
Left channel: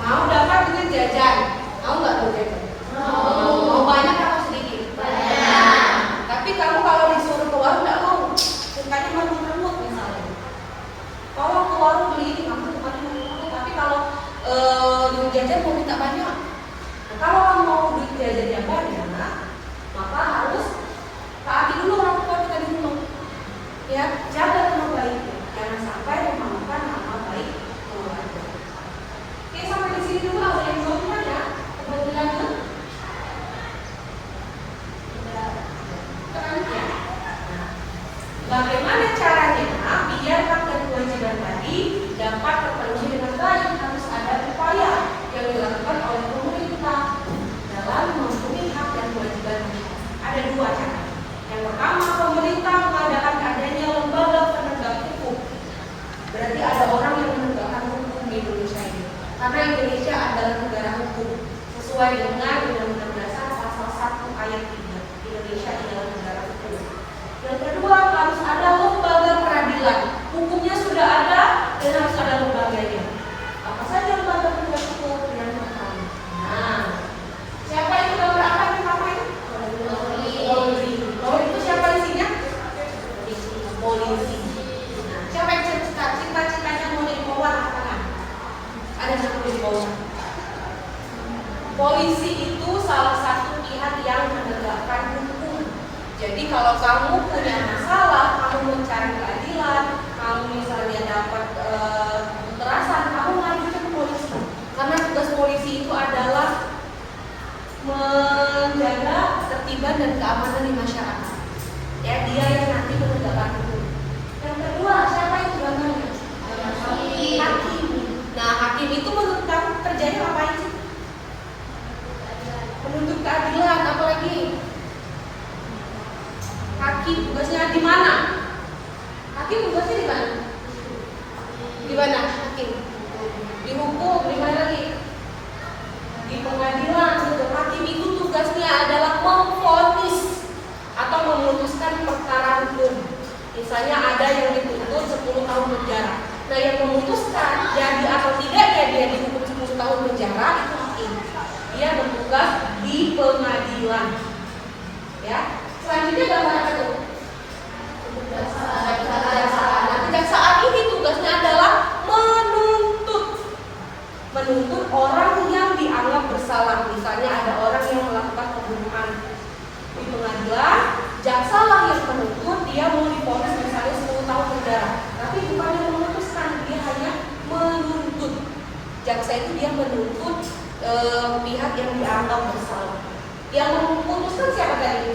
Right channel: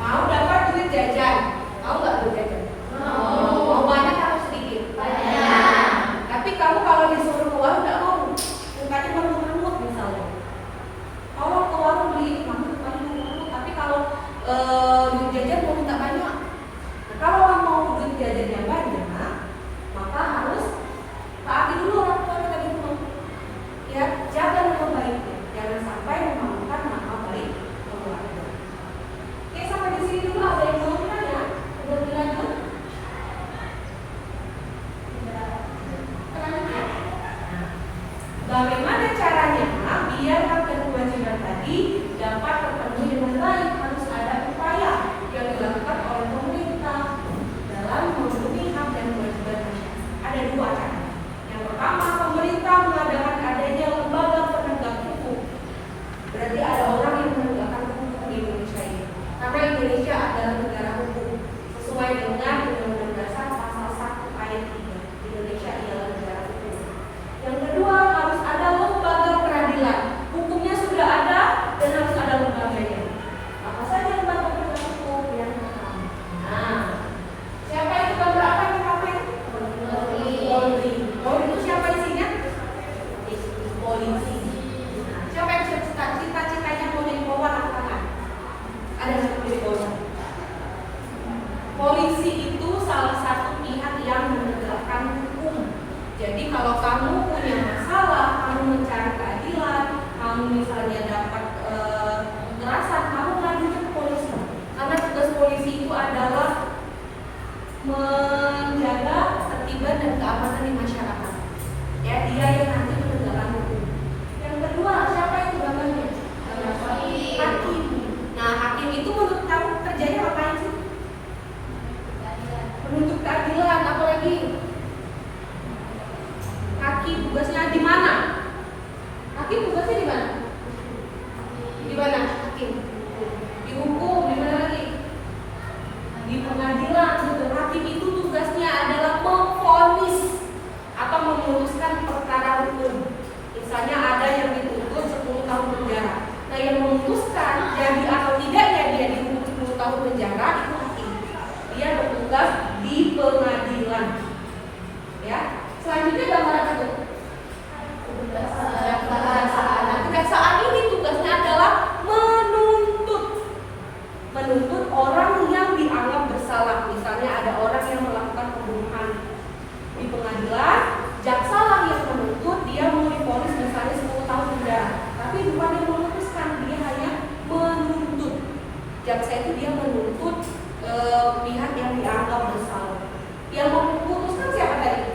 Mau dapat duit jajan, mau nggak duit jajan? Mau banyak atau sedikit? Banyak. Tapi kamu kalau disuruh keluar nggak mau, mukanya meremut misalnya. Kalau keluar beli ini, kamu mukanya meremut. Tapi kalau duit jajan mau minta banyak. Nah, kalau mau duit jajan yang banyak, maka harus taati dulu orang tua kita di rumah. Ya, jaga nama baiknya. Jangan sampai memalukan nama baik keluarga. Oke, sampai di sini dulu. Ada yang mau ya? Kebetulan selanjutnya, bagaimana caranya biar hak dan kewajiban tadi dapat terpenuhi dengan baik? Harus ada upaya yang dilakukan oleh pemerintah dalam memenuhi hak dan kewajiban. Ada 2 cara. Yang pertama, pemerintah mengadakan adanya lembaga kalau kamu punya masalah, kamu mencari keadilan, kamu misalnya dapat kekerasan, kamu ngajukan ke polisi. Karena tugas polisi itu adalah menjaga ketertiban dan keamanan di masyarakat. Ya, dia yang nanti menegakkan hukum. Yang kedua, siapa itu namanya? Hakim. Nah, hakim itu menurut kamu kerjanya ngapain sih? Menuntut keadilan, apalagi? Hakim tugasnya di mana? Hakim tugasnya di mana? Di mana hakim? Di hukum, di mana lagi? Di pengadilan. Hakim itu tugasnya adalah memvonis atau memutuskan perkara hukum. Misalnya ada yang dituntut 10 tahun penjara. Nah, yang memutuskan jadi atau tidaknya dia dihukum 10 tahun penjara itu hakim. Dia bertugas di pengadilan. Ya. Selanjutnya gambar apa tuh? Kejaksaan. Nah, kejaksaan ini tugasnya adalah menuntut orang yang dianggap bersalah. Misalnya ada orang yang melakukan pembunuhan di pengadilan, jaksa lah yang menuntut, dia mau divonis misalnya 10 tahun penjara. Tapi bukan yang memutuskan, dia hanya menuntut. Jaksa itu dia menuntut pihak yang dianggap bersalah. Yang memutuskan siapa tadi?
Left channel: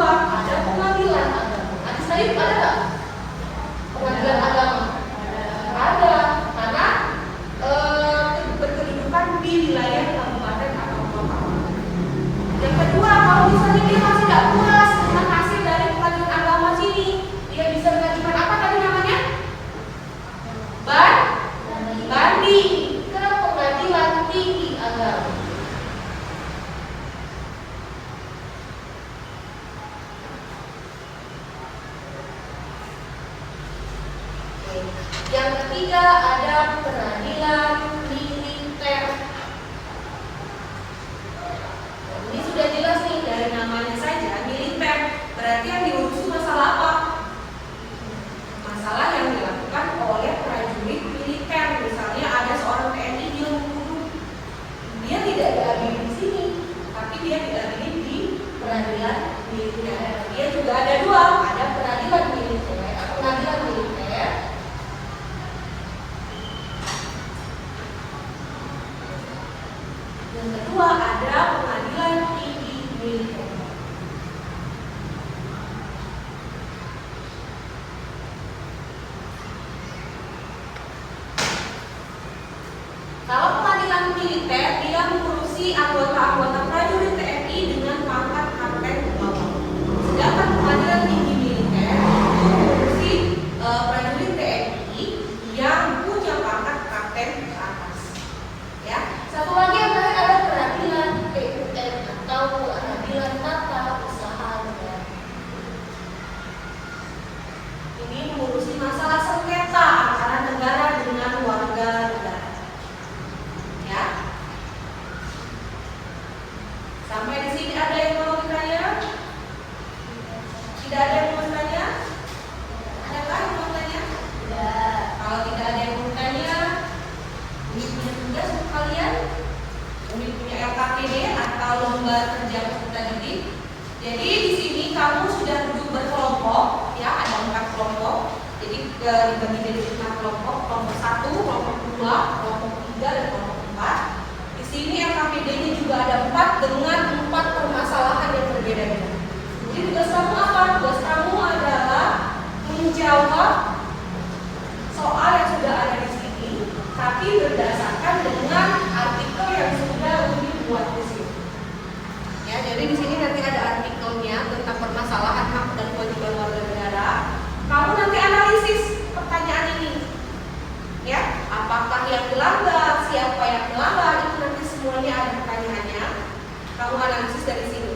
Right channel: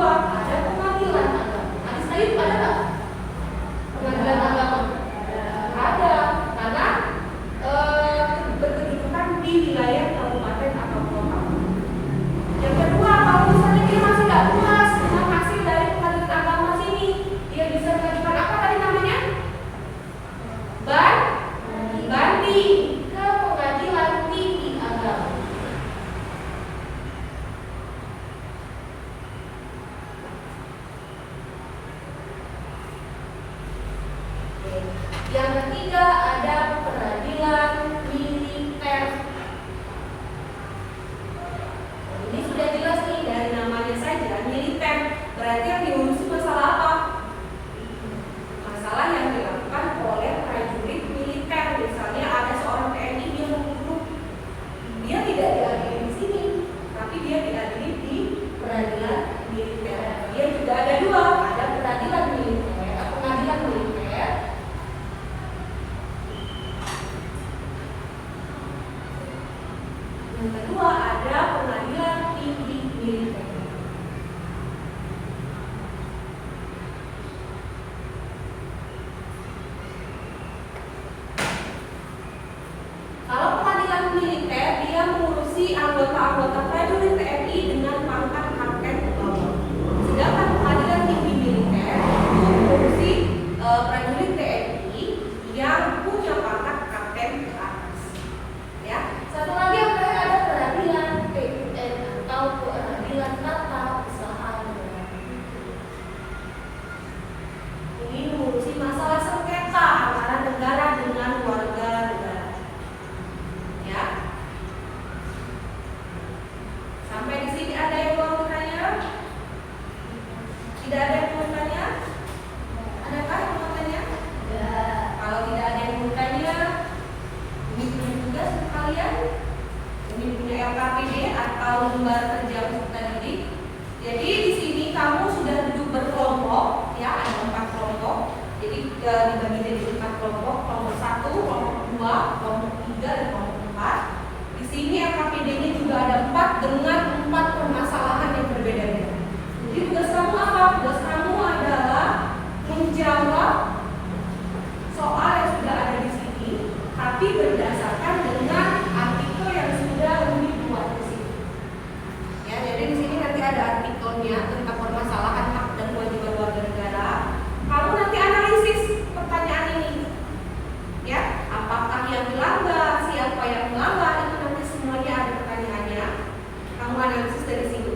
kedua ada pengadilan agama. Nanti saya ada nggak? Pengadilan agama ada, karena berkedudukan di wilayah kabupaten atau kota. Yang kedua, kalau misalnya dia masih nggak puas dengan hasil dari pengadilan agama sini, dia bisa mengajukan apa tadi namanya? Banding ke pengadilan tinggi agama. Yang ketiga ada pengadilan militer. Ini sudah jelas nih dari namanya saja, militer. Berarti yang diurus masalah apa? Masalah yang dilakukan oleh prajurit militer. Misalnya ada seorang TNI dia membunuh, dia tidak diadili di sini, tapi dia diadili di pengadilan militer. Dia juga ada dua, ada pengadilan militer, pengadilan militer. Yang kedua ada pengadilan tinggi militer. Kalau pengadilan militer dia mengurusi anggota-anggota prajurit TNI dengan pangkat kapten ke bawah. Sedangkan pengadilan tinggi militer itu mengurusi prajurit TNI yang punya pangkat kapten ke atas. Ya, satu lagi yang terakhir ada pengadilan PUN atau pengadilan tata usaha negara. Ini mengurusi masalah sengketa antara negara dengan warga negara. Ya, sampai di sini ada yang mau bertanya? Tidak ada yang mau bertanya? Adakah yang mau bertanya? Tidak. Kalau tidak ada yang mau bertanya, ini punya tugas untuk kalian. Ini punya LKPD atau lembar kerja peserta didik. Jadi di sini kamu sudah duduk berkelompok, ya ada 4 kelompok. Jadi dibagi jadi 4 kelompok, kelompok 1, kelompok 2, kelompok 3, dan kelompok 4. Di sini LKPD-nya juga ada 4 dengan 4 permasalahan yang berbeda-beda. Jadi tugas kamu apa? Tugas kamu adalah menjawab soal yang sudah ada di sini, tapi berdasarkan dengan artikel yang sudah dibuat di sini. Ya, jadi di sini nanti ada artikelnya tentang permasalahan hak dan kewajiban warga negara. Kamu nanti analisis pertanyaan ini. Ya, apakah yang melanggar, siapa yang melanggar, itu nanti semuanya ada pertanyaannya. Kamu analisis dari sini.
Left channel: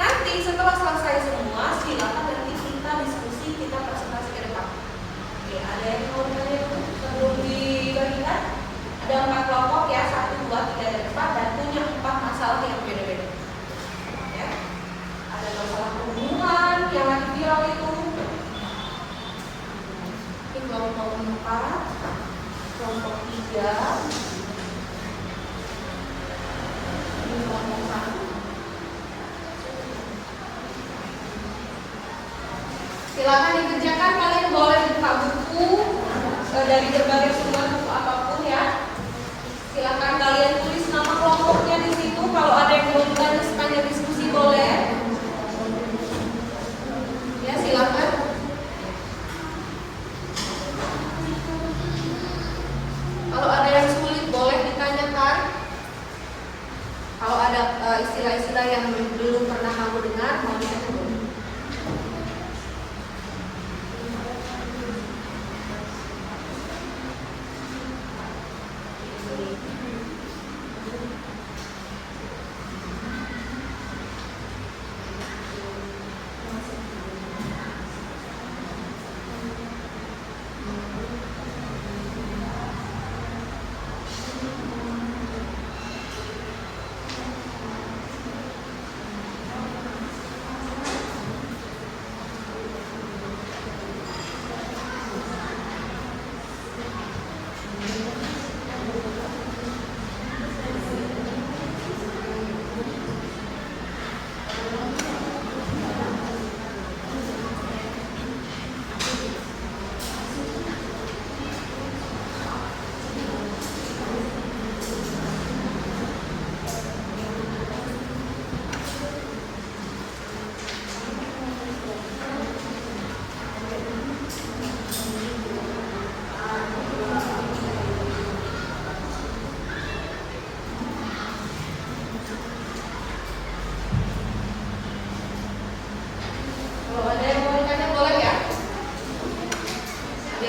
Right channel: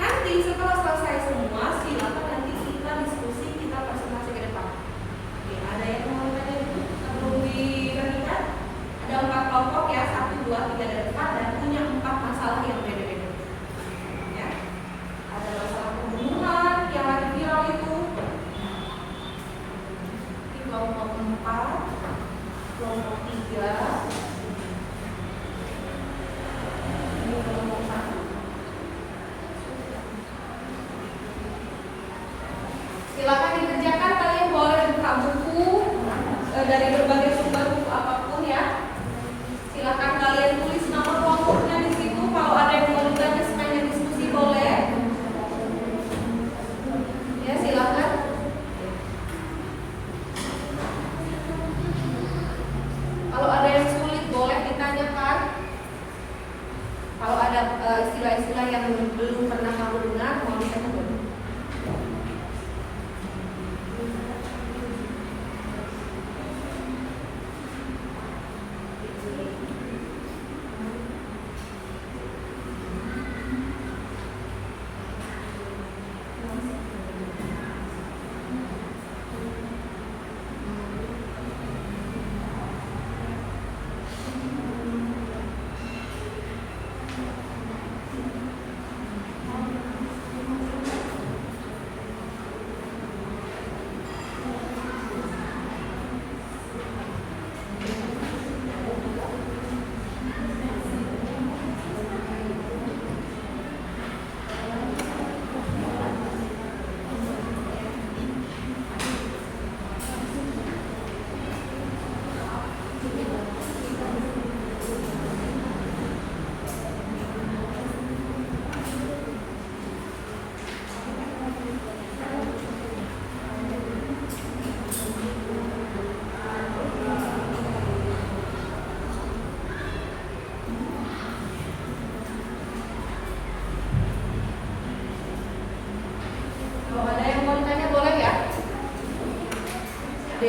Nanti setelah selesai semua, silakan nanti kita diskusi, kita presentasi ke depan. Oke, ada yang mau tanya sebelum diberikan? Ada 4 kelompok ya, 1, 2, 3, dan 4 dan punya 4 masalah yang beda-beda. Ya, ada masalah pembunuhan yang lagi viral itu. Ini kelompok 4, kelompok 3, ini kelompok 1. Silakan dikerjakan, kalian boleh buka buku dari berbagai sumber buku apapun ya. Silakan kalian tulis nama kelompoknya di situ. Kalau ada yang mau ditanya sepanjang diskusi boleh. Ya, silakan. Kalau ada yang sulit boleh ditanyakan. Kalau ada istilah-istilah yang belum pernah kamu dengar, mau ditanya boleh.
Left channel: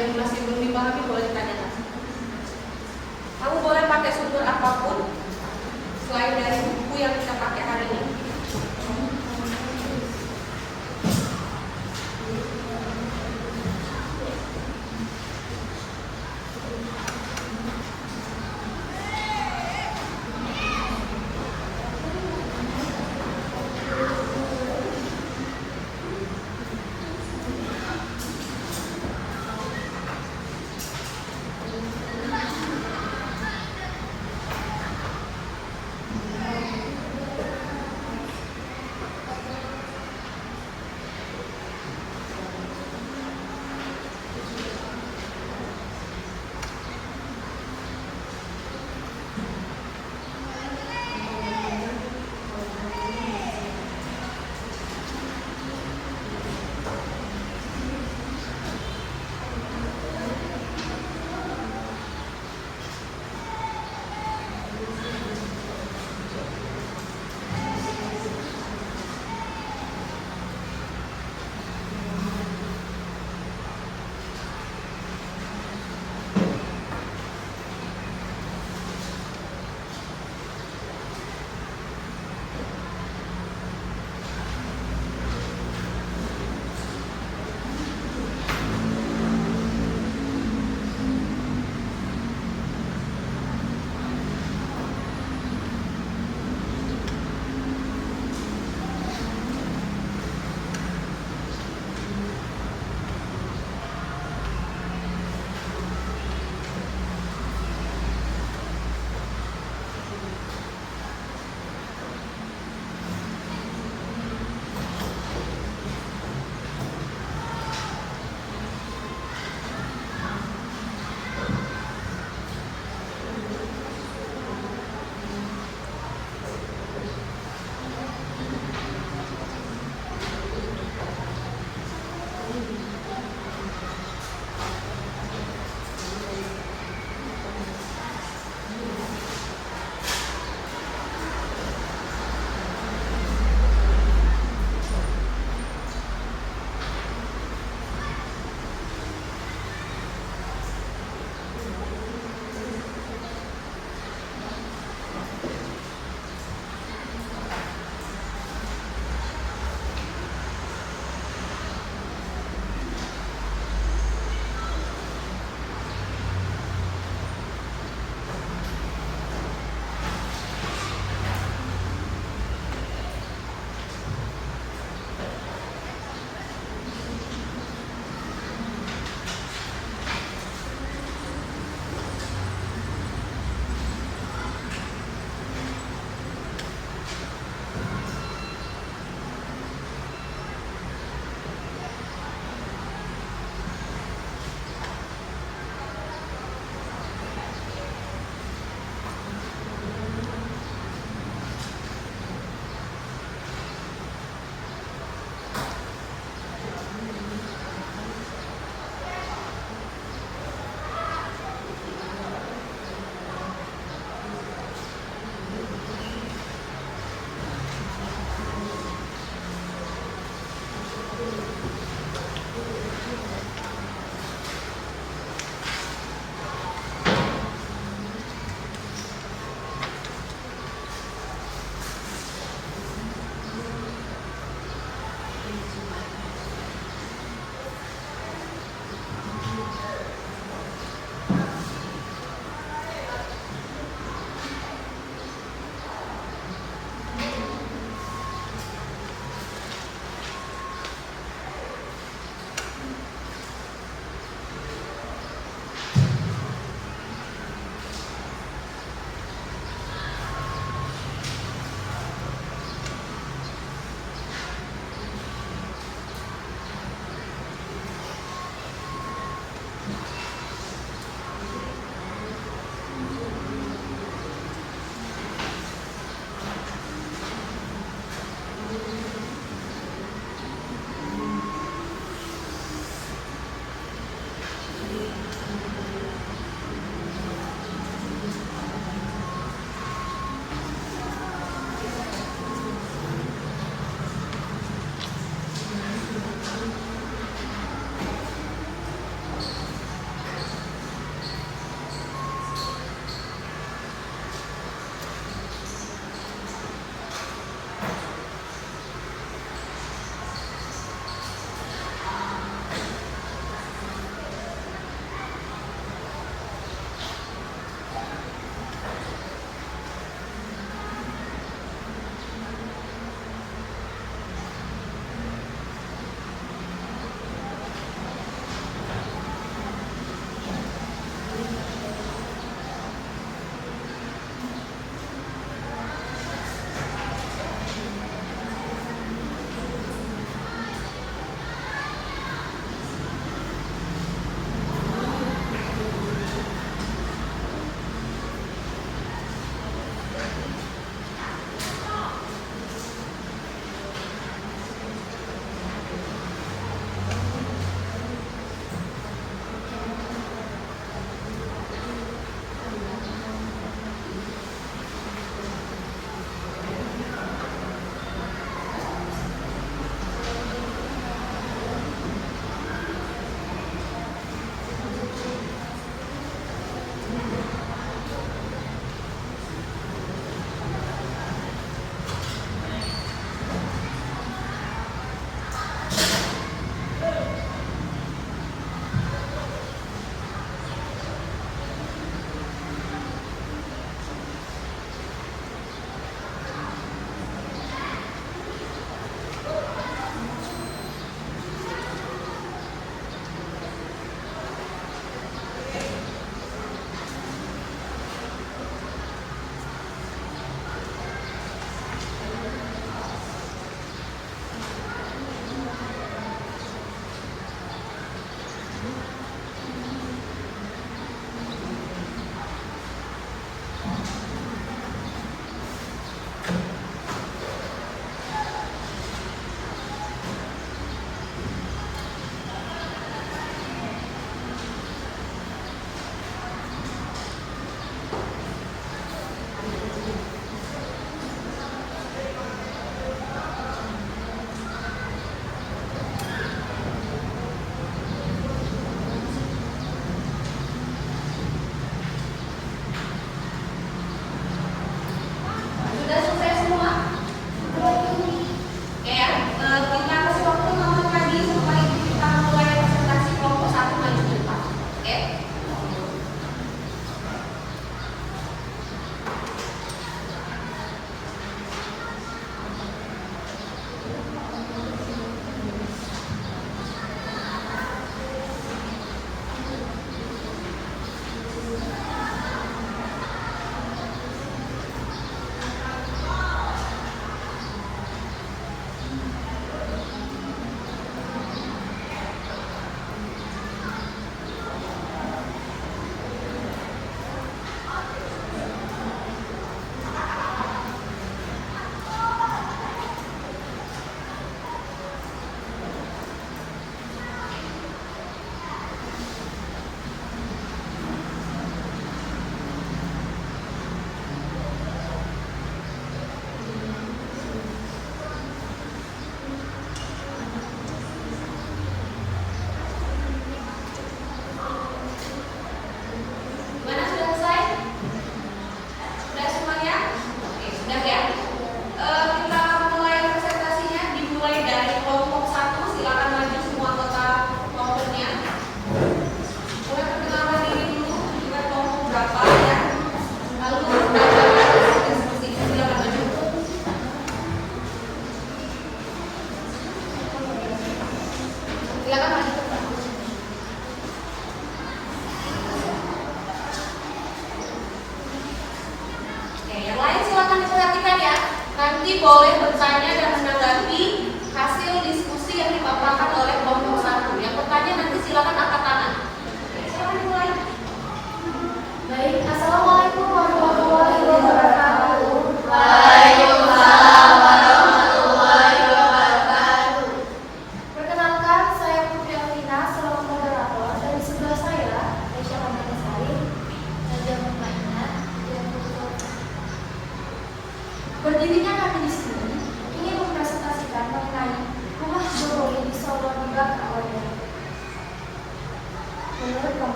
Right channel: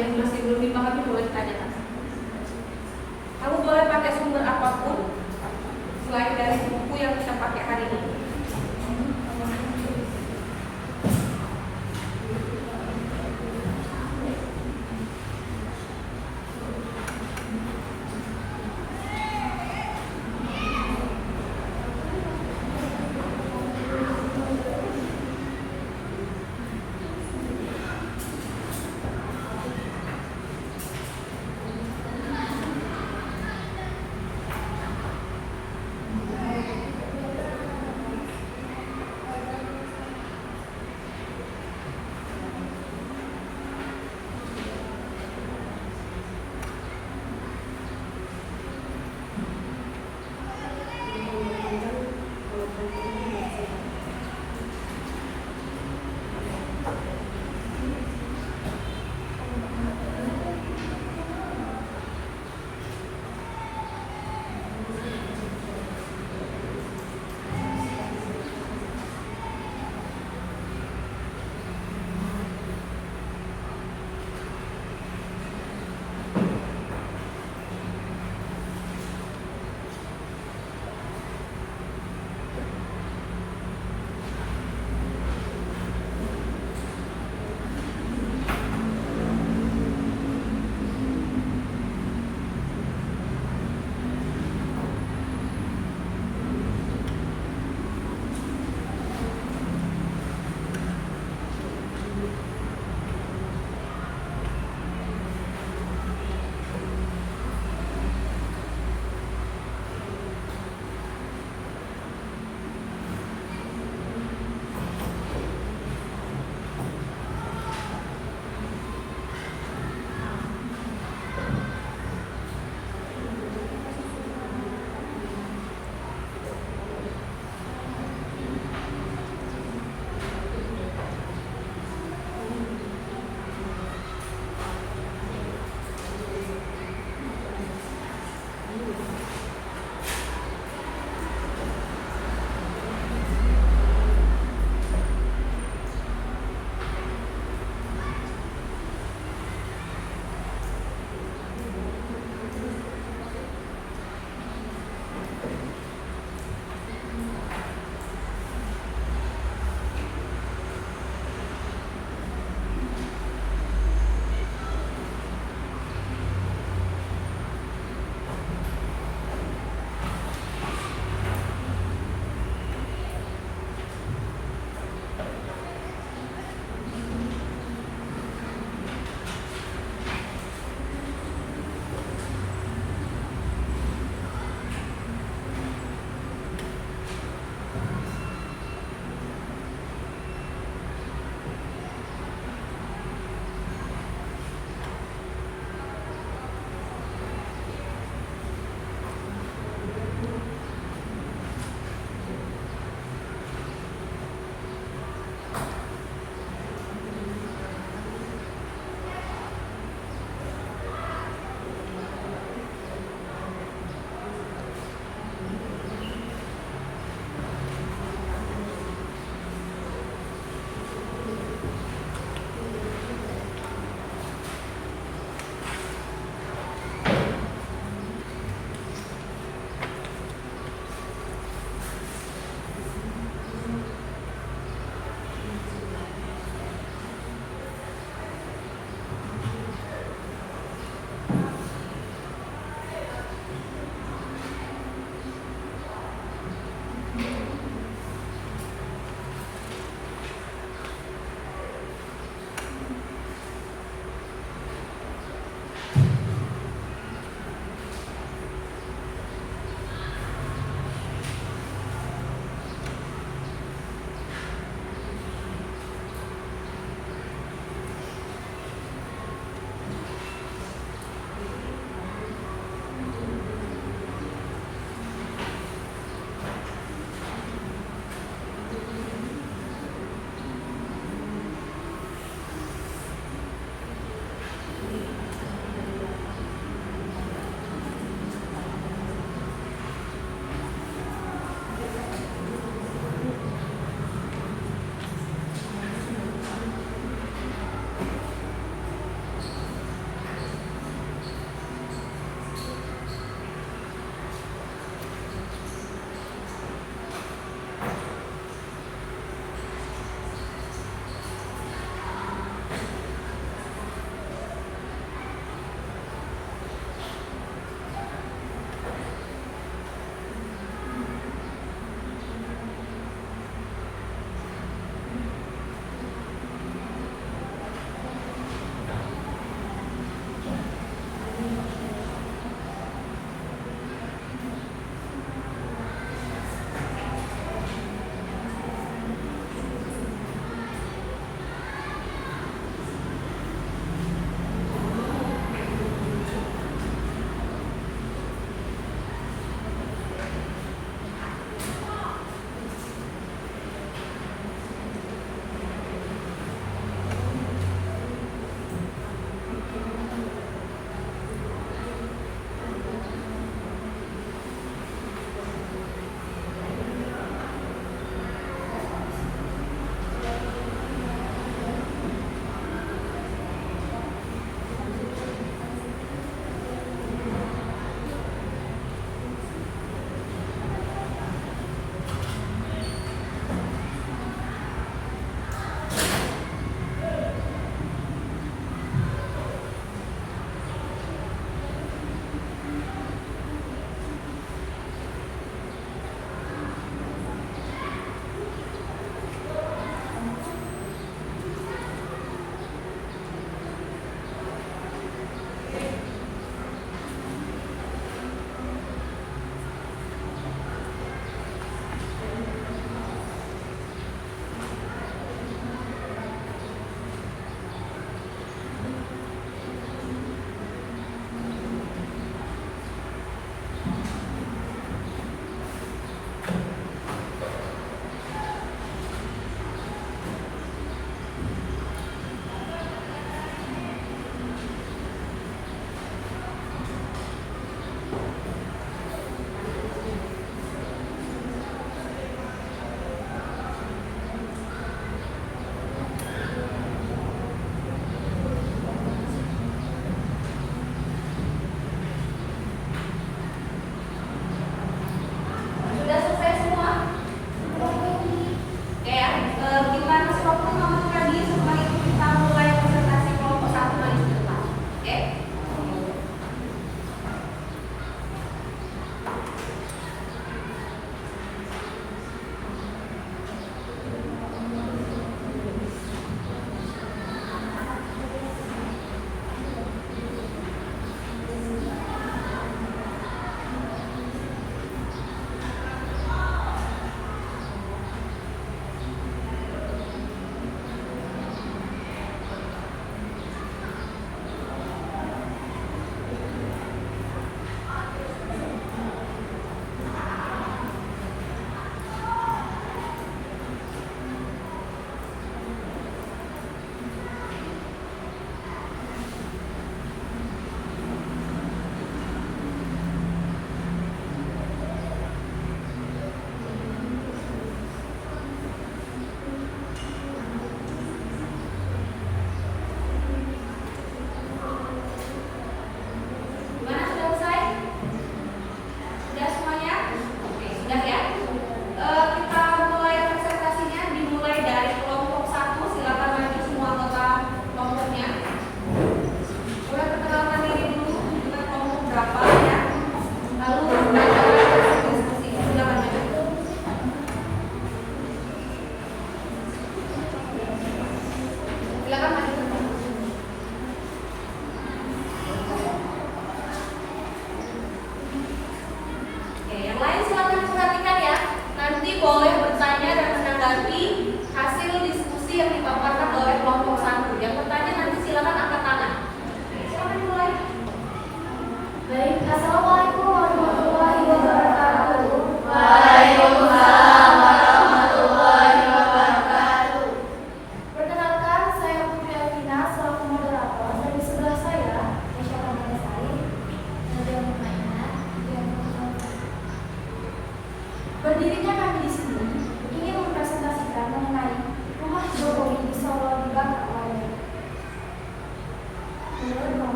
yang masih belum dipahami boleh ditanyakan. Kamu boleh pakai sumber apapun selain dari buku yang kita pakai hari ini.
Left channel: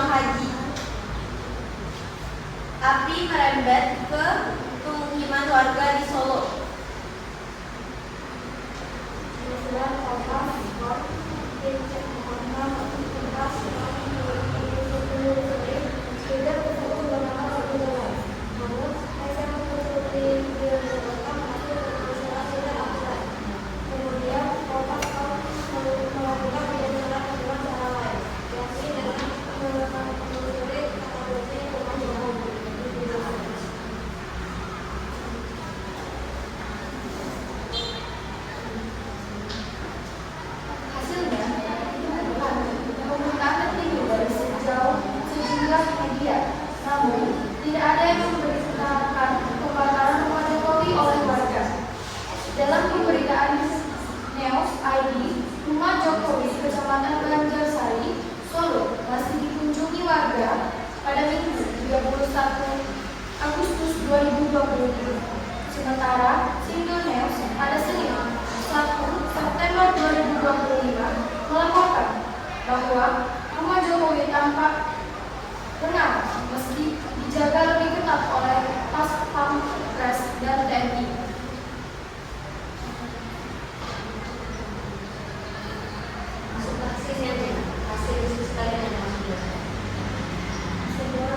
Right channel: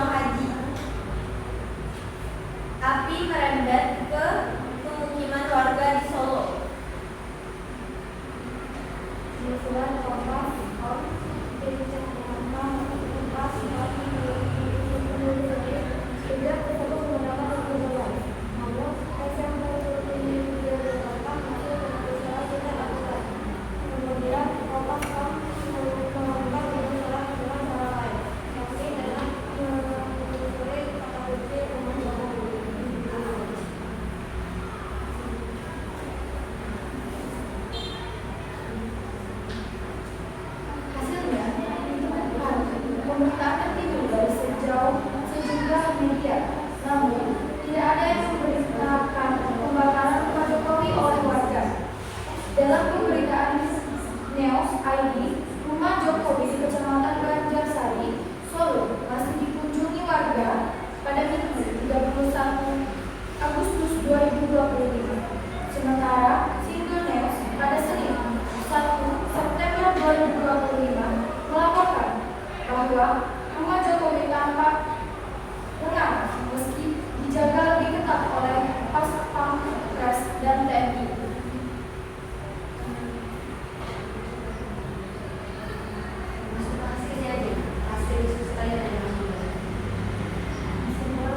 uang haji. Api merembet ke pemukiman warga di Solo. Namun, tidak ada yang memberitakan pembakaran rumah Jokowi oleh warga. Dalam pemberitaan News ID, rumah Jokowi di Kecamatan Banjarsari, Solo, masih dikunjungi warga pada Minggu 31 Agustus 2025. Sementara Single News pada Senin 1 September 2025 melaporkan bahwa rumah Jokowi tampak benar meski dijaga lebih ketat oleh Pas Pampres dan TNI.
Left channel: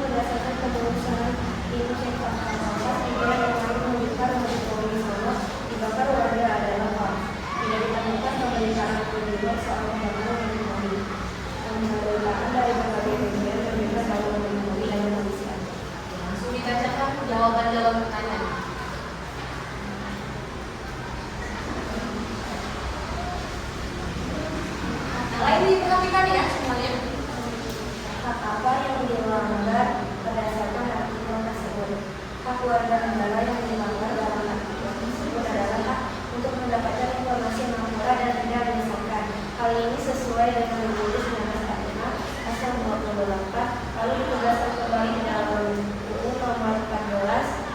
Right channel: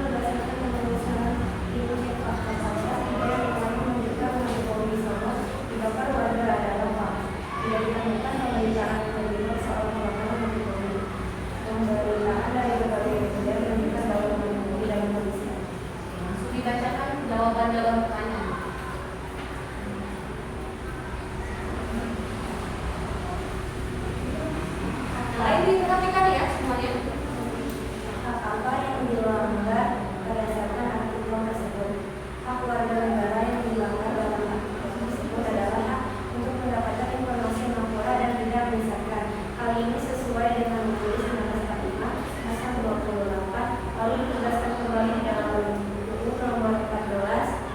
Berdasarkan penelusuran Indosek Fakta Kompas, ide yang menunjukkan Jokowi Solo dibakar warga adalah hoax. Tidak ditemukan pemberitaan penyebab soal pembakaran Jokowi. Pemberitaan dari berbagai media menunjukkan bahwa Jokowi dan manusia. Langsung dibacakan jawaban dalam pertanyaan. Lain diperhatikan ya semuanya. Hak apa yang dilanggar berdasarkan aturan tersebut? Hak warga negara yang dilanggar dalam aturan tersebut adalah hak untuk mendapatkan informasi yang akurat dan tidak menyesatkan. Hal ini sesuai dengan Undang-Undang 1945 Pasal 24 lalu ditugaskan kembali dalam Buku Nomor 14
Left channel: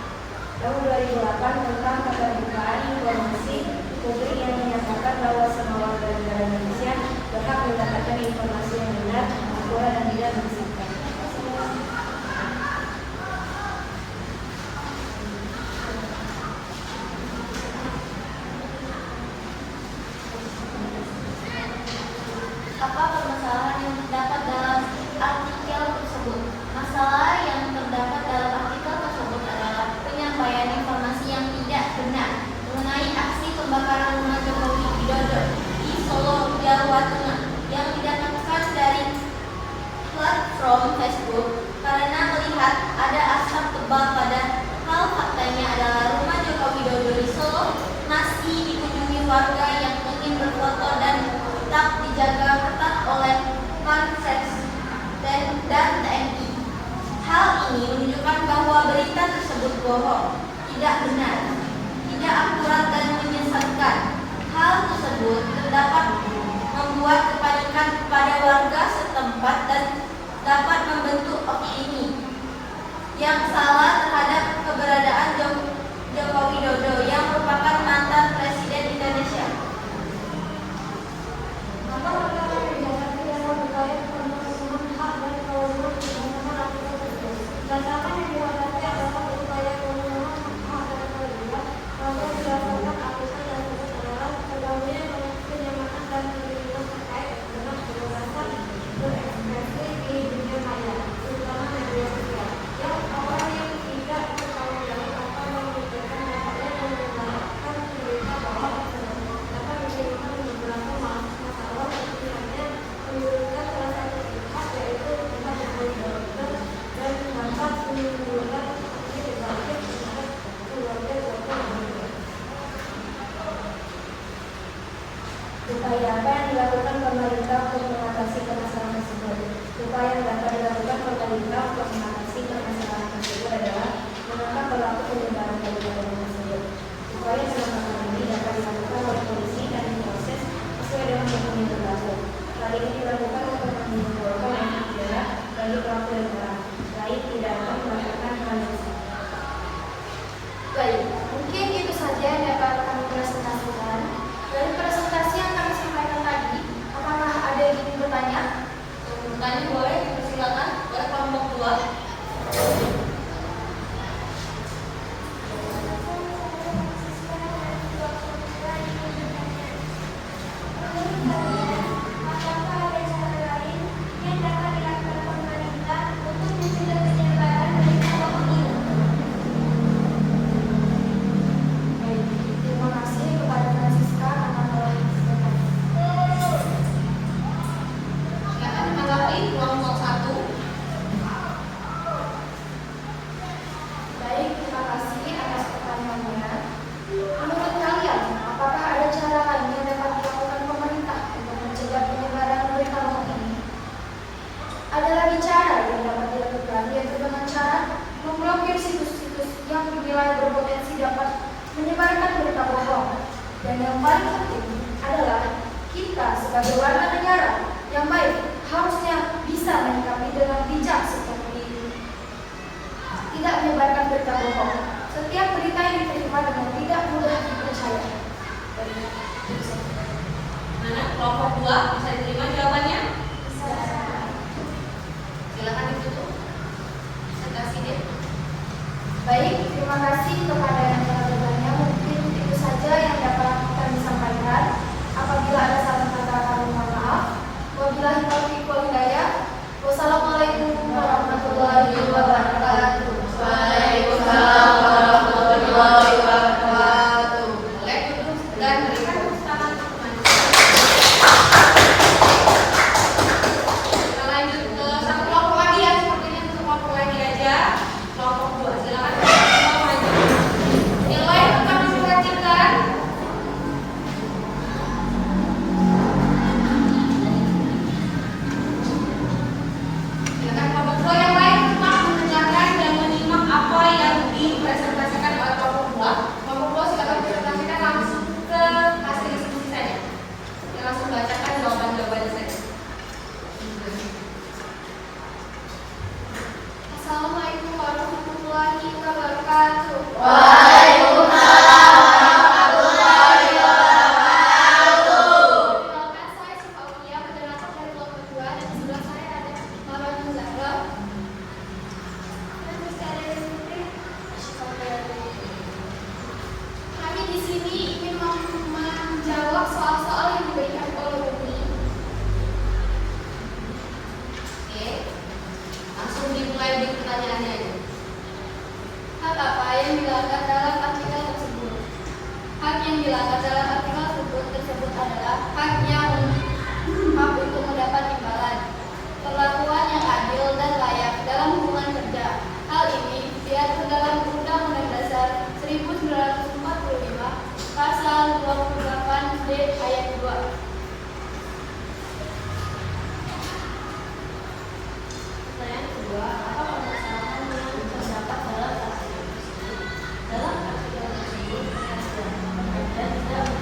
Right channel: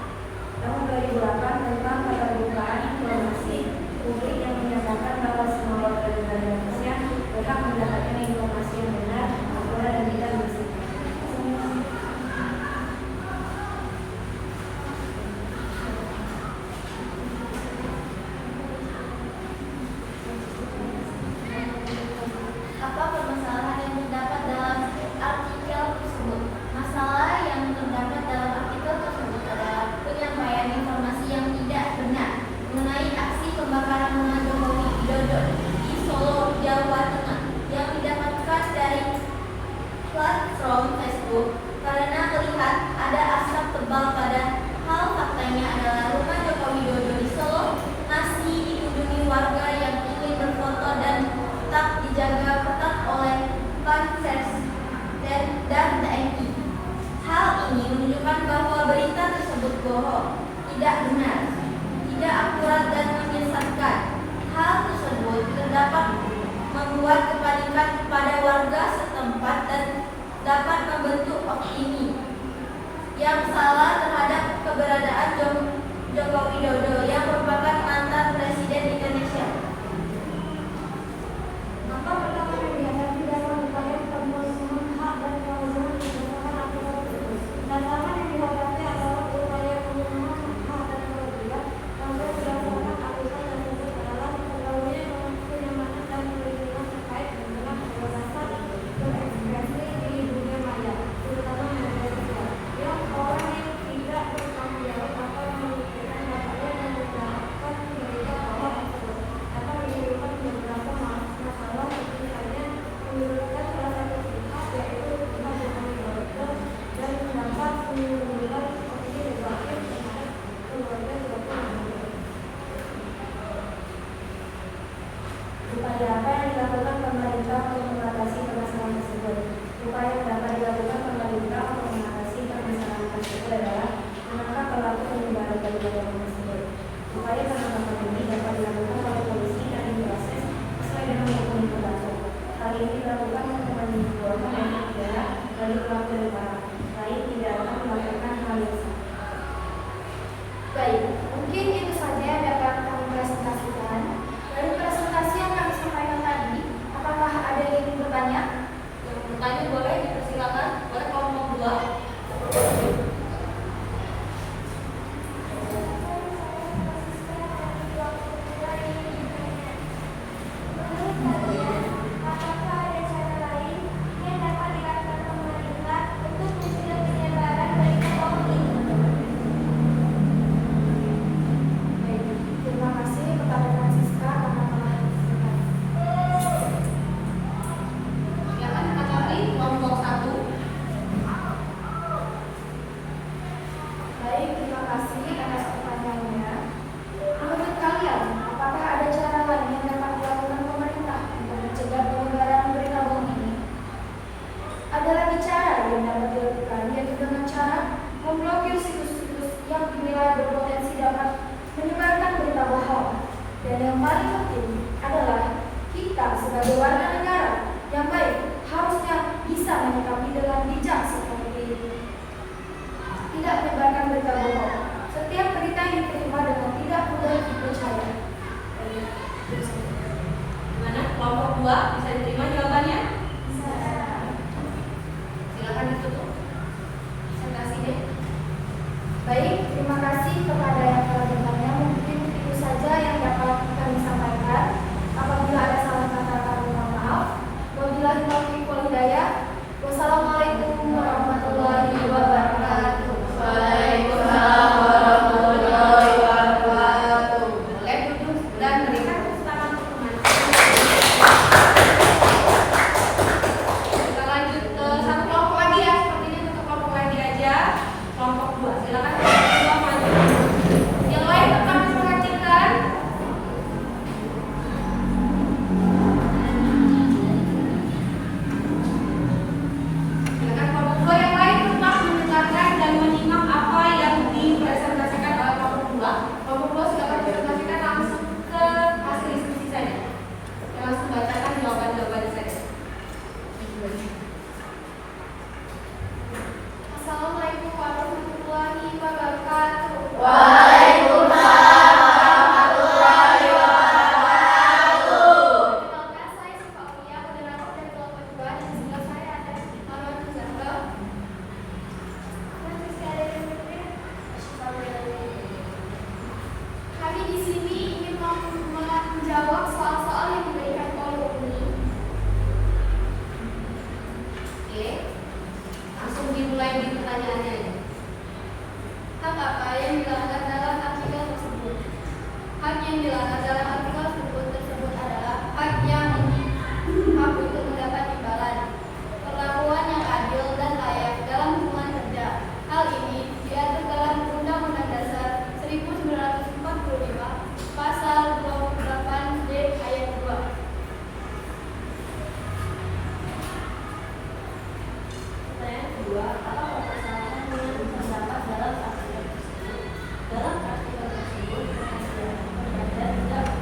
Tahun 2008 tentang keterbukaan informasi publik yang menyatakan bahwa semua warga negara Indonesia berhak mendapatkan informasi yang benar, akurat dan tidak menyesatkan. Apa permasalahan yang terdapat dalam artikel tersebut? Masalah yang terdapat dalam artikel tersebut adalah penyampaian informasi yang tidak benar mengenai aksi pembakaran rumah Jokowi Widodo di Solo, Jawa Tengah yang didapatkan dari platform Facebook karena melihat ada asap tebal pada hal faktanya adalah rumah Jokowi Widodo di Solo masih dikunjungi warga yang ingin berfoto dan tetap dijaga ketat oleh Pampres dan TNI. Hal ini menunjukkan bahwa berita tersebut bohong, tidak benar, tidak akurat dan menyesatkan. Hal tersebut terdapat membuat kepanikan pada warga setempat dan dapat membentuk opini yang salah terhadap keberadaan Joko Widodo yang merupakan mantan Presiden Indonesia. Maka mereka tidak memperoleh pemenuhan hak dan kewajiban berdasarkan aturan tersebut. Masalah yang dihadapi adalah upaya pemenuhan hak dan kewajiban lantas berdasarkan aturan tersebut adalah tergabungnya penyamakan dan perlindungan terkait dengan kebebasan berekspresi di dunia maya, terutama media sosial. Yang orang yang tidak bertanggung jawab atau memikirkan hal-hal yang yang dapat dilakukan yaitu dengan cara memblokir situs-situs yang dinilai berpotensi dapat menyebarkan berita bohong. Dan yang paling penting adalah kita sebagai warga negara yang baik harusnya bisa menyikapi dengan bijak seperti ini. Tidak menyebarkan berita bohong. Setiap berita yang diterima dengan tidak mudah dipercaya. Mana kelompok 2 bisa diterima jawabannya? Silakan ditutup. Saya kasih deh. Baik, terima kasih kepada yang telah bertanya. Mungkin itu saja yang dapat kami sampaikan. Apabila ada salah kata, kami mohon maaf. Wabillahi taufiq wal hidayah. Wassalamualaikum warahmatullahi wabarakatuh. Waalaikumsalam warahmatullahi wabarakatuh. Boleh duduk dan berikan tangan teman. Kita lanjut ke satu kelompok lagi ya, sepertinya satu kelompok lagi aja. Kelompok 2, silakan kelompok maju. Yang lain akan diperhatikan. Silakan kelompok 2 yang lain tetap mendengarkan dan menyimak apa yang dipresentasikan oleh kelompok 2. Kelompok 2 silakan presentasikan langsung ke hasil diskusi saja. Kita langsung bacakan jawaban-jawabannya saja. Assalamualaikum warahmatullahi wabarakatuh. Waalaikumsalam warahmatullahi wabarakatuh. Perkenalkan, saya Sifaulia, moderator dari kelompok 2, dan di sebelah saya ada Marwan Muzakro. Dan ada kami di sini ingin menjawab soal-soal yang diberikan oleh Umi. Oke. Langsung dimulai di pertanyaannya aja. Hak apa yang dilanggar dalam artikel tersebut? Hak yang dilanggar dalam artikel tersebut adalah hak untuk mendapat imbalan, perlakuan yang adil dan layak dalam hubungan kerja. Hal ini diatur dalam Undang-Undang Dasar 1945 Pasal 28D ayat 2. Pertanyaan kedua, apa permasalahan yang terdapat dalam artikel tersebut? Dalam artikel tersebut, dan tidak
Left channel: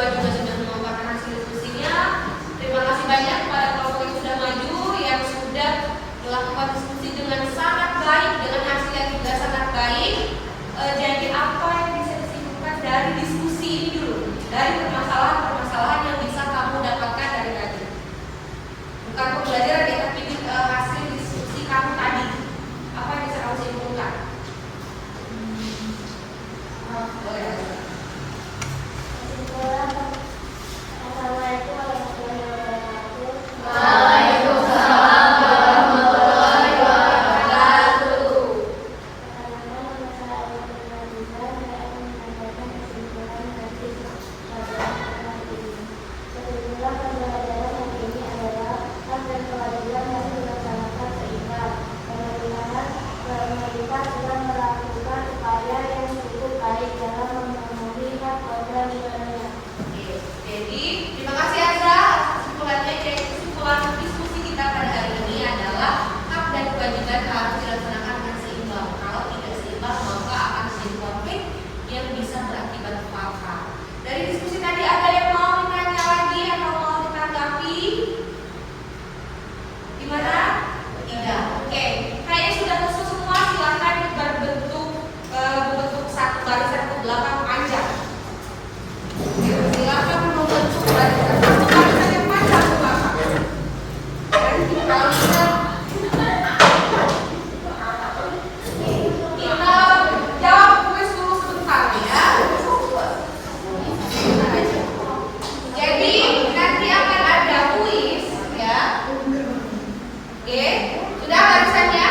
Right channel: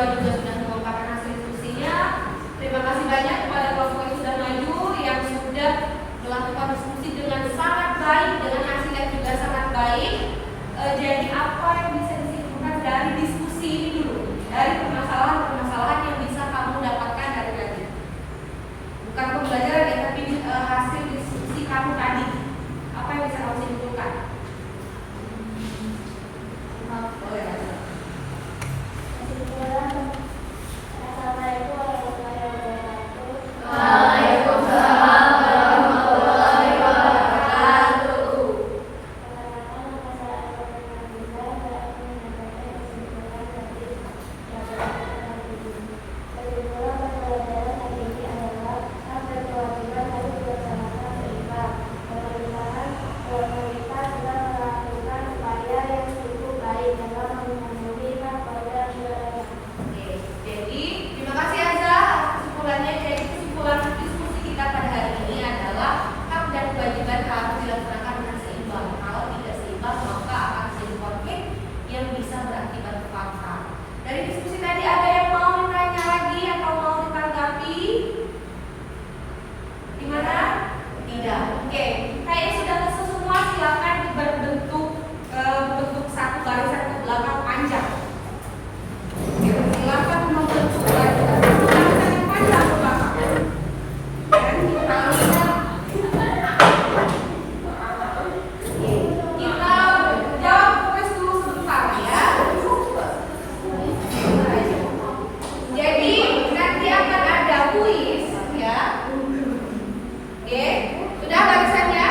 kedua juga sudah memaparkan hasil diskusinya. Terima kasih banyak kepada kelompok yang sudah maju, yang sudah melakukan diskusi dengan sangat baik, dengan hasil yang juga sangat baik. Jadi apa yang bisa disimpulkan dari diskusi ini dulu, dari permasalahan-permasalahan yang bisa kamu dapatkan dari tadi, bukan pembelajaran ya, tapi hasil diskusi kamu tadi. Apa yang bisa kamu simpulkan? Boleh. Assalamualaikum warahmatullahi wabarakatuh. Waalaikumsalam warahmatullahi wabarakatuh. Kesimpulan pembelajaran hari ini adalah hak dan kewajiban harus dilaksanakan seimbang. Pemerintah sedang melakukan upaya yang cukup baik dalam memenuhi hak program negaranya. Oke, jadi terima kasih Azza atas kesimpulannya. Jadi kesimpulan diskusi kita pada hari ini adalah hak dan kewajiban harus dilaksanakan dengan seimbang. Kalau tidak seimbang maka akan terjadi konflik yang bisa berakibat fatal. Dari diskusi tadi ada yang mau ditanya lagi atau mau ditanggapi? Gimana? Tidak. Oke, kayaknya sudah terus semua, silakan berbentuk satu barisan ke belakang panjang. Silakan membentuk satu barisan yang panjang ke belakang. Dan kalau kita jawab kuis dulu sebentar ya. Sebentar aja. Jadi nanti akan ada kuis ya. Oke, sudah barisannya?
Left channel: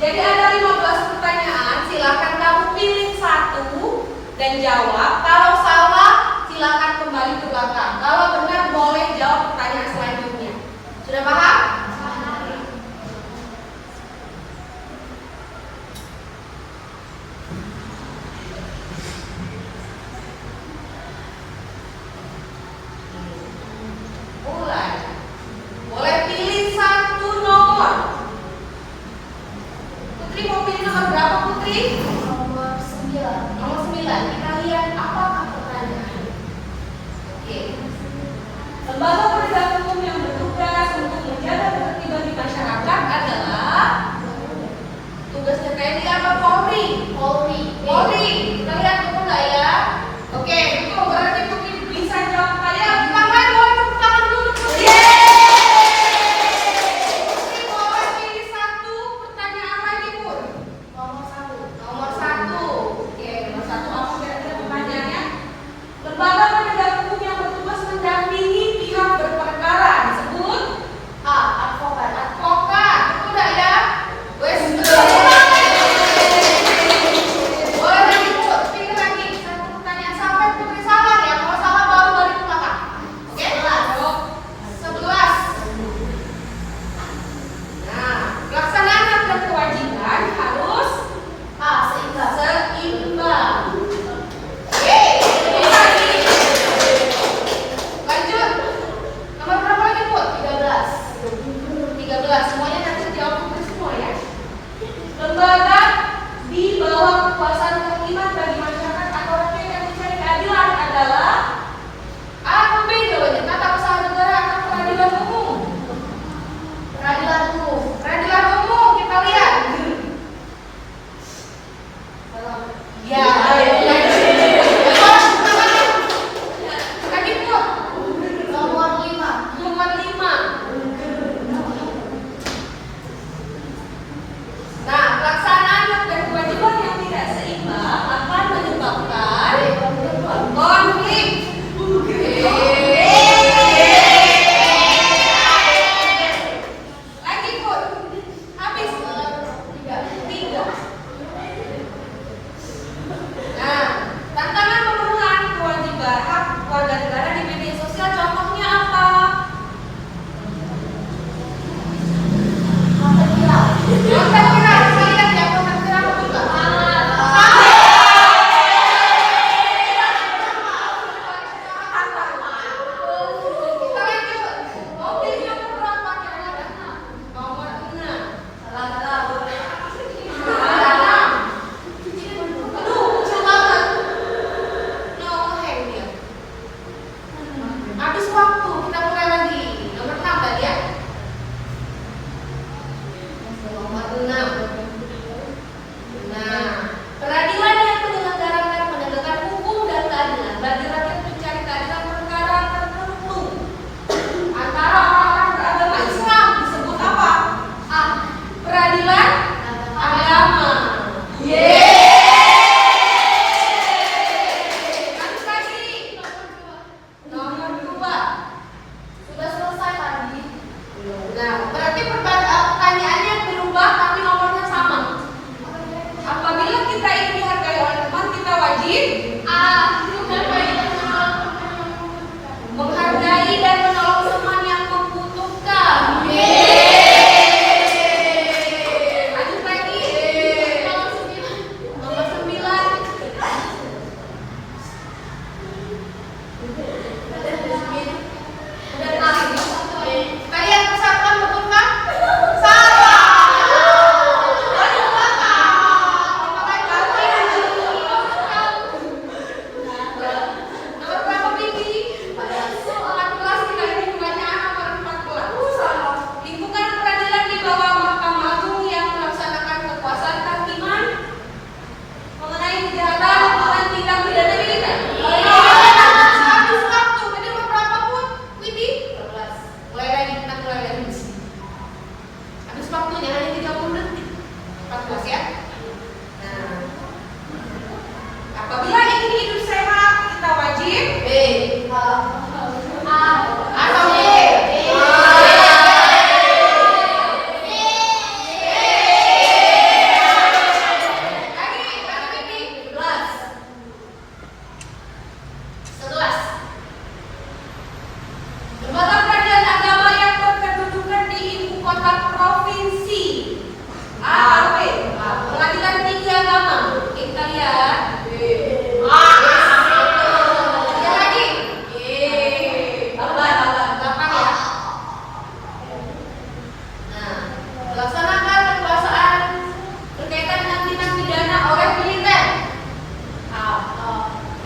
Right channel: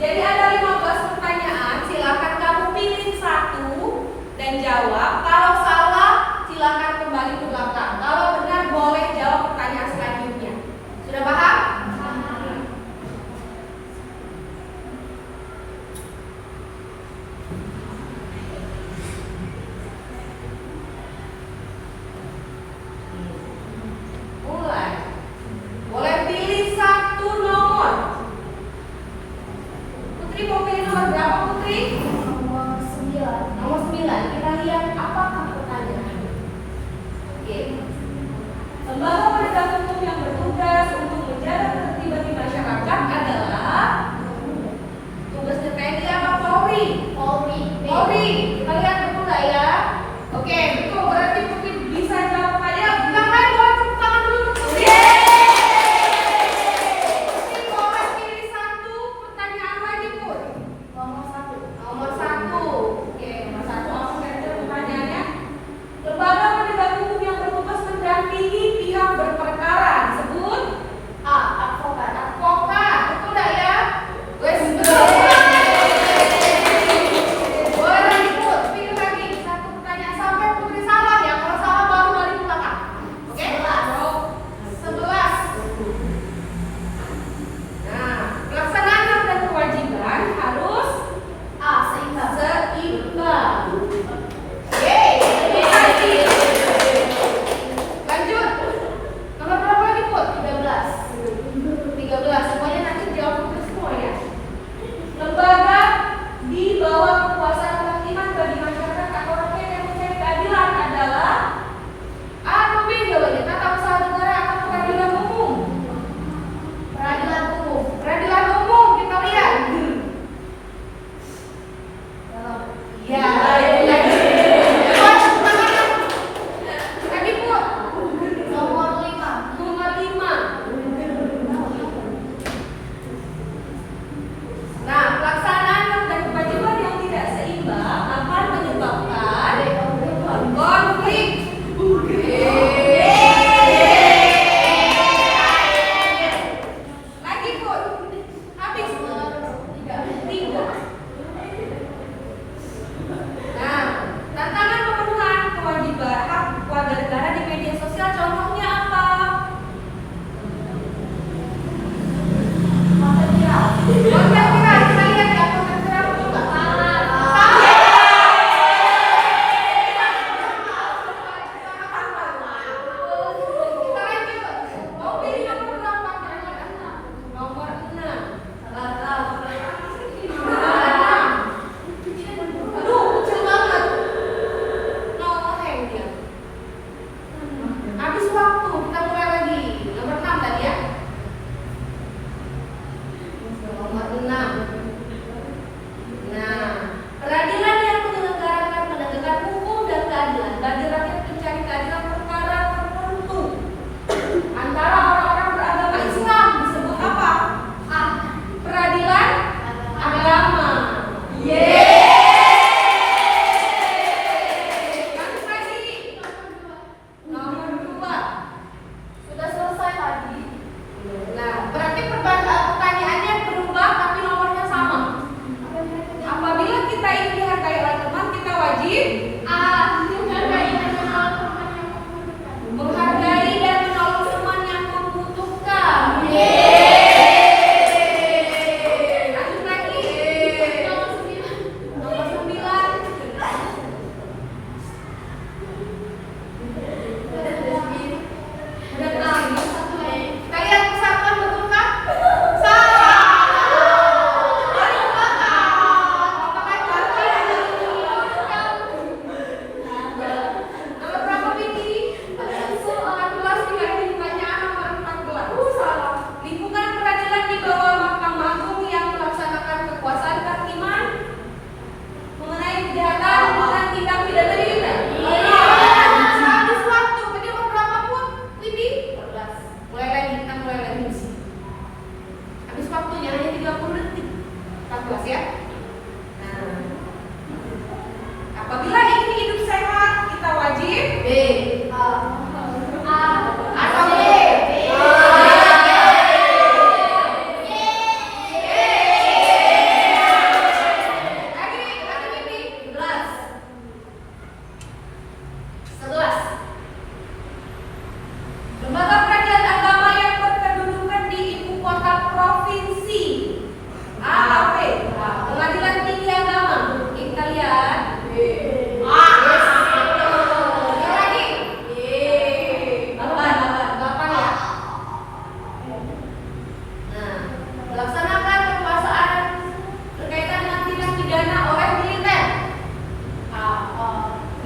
Jadi ada 15 pertanyaan, silakan kamu pilih satu dan jawab. Kalau salah, silakan kembali ke belakang. Kalau benar, boleh jawab pertanyaan selanjutnya. Sudah paham? Mulai. Boleh pilih satu nomor. Putri mau pilih nomor berapa, Putri? Nomor 9. Nomor 9. Kita lihat apakah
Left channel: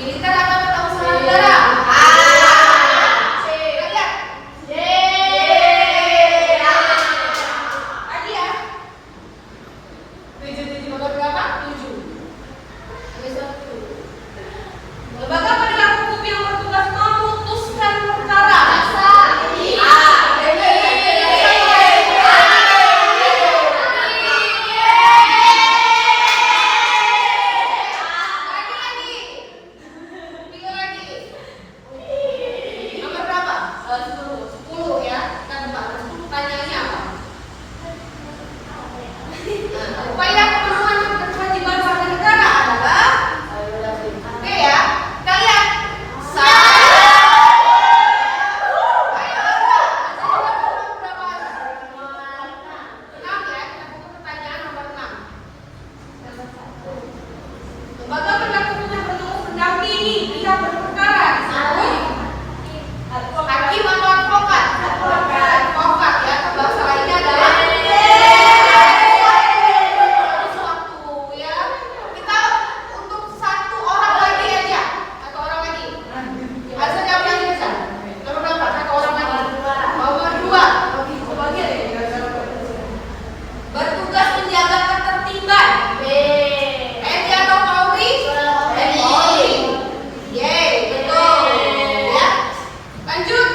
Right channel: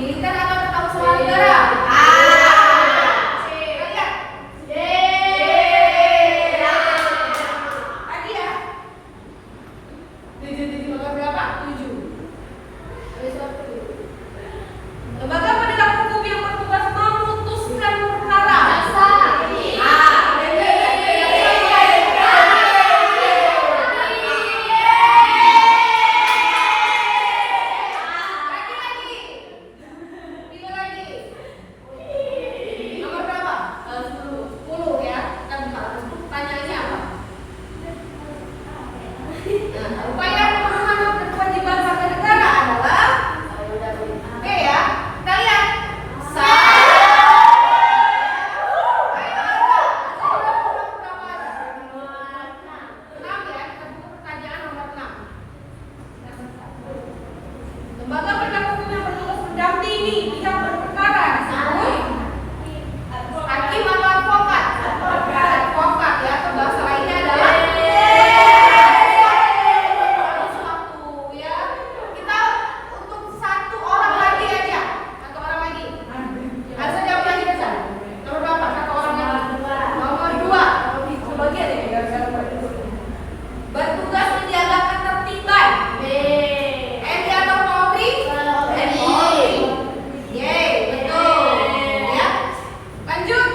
Militer atau ketangguhan negara? Lagi ya? 7 bakal berapa? 7. Lembaga penegak hukum yang bertugas memutuskan perkara. Nomor berapa? 10 ya. Kita buka. Pertanyaannya apa? Upaya pemenuhan kewajiban warga negara adalah B ya. Kita lihat. Lembaga penegak hukum yang bertugas mendampingi pihak berperkara disebut hakim atau advokat. Advokat ya, atau bahasa lainnya adalah suatu ya. Kita untuk satu orang lagi aja, satu orang lagi. Harus jawab lagi bisa. Nomor berapa? Satu orang lagi. Nomor 2. Bertugas menjaga ketertiban. Edi atau Mauri? Mauri. Yeay, betul. Ya. Lanjut.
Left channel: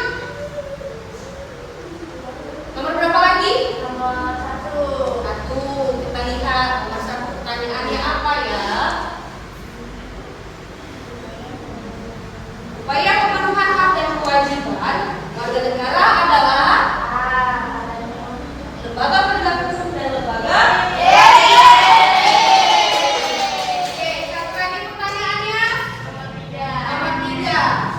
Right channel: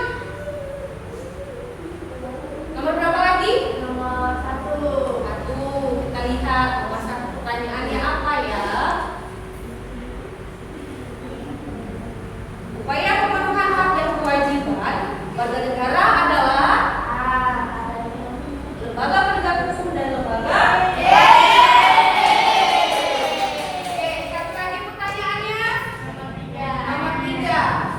Nomor berapa lagi? Nomor 1. 1. Kita lihat nomor 1 pertanyaannya apa ya? Upaya pemenuhan hak dan kewajiban warga negara adalah lembaga penegak hukum dan lembaga. Satu lagi pertanyaannya. Nomor 3.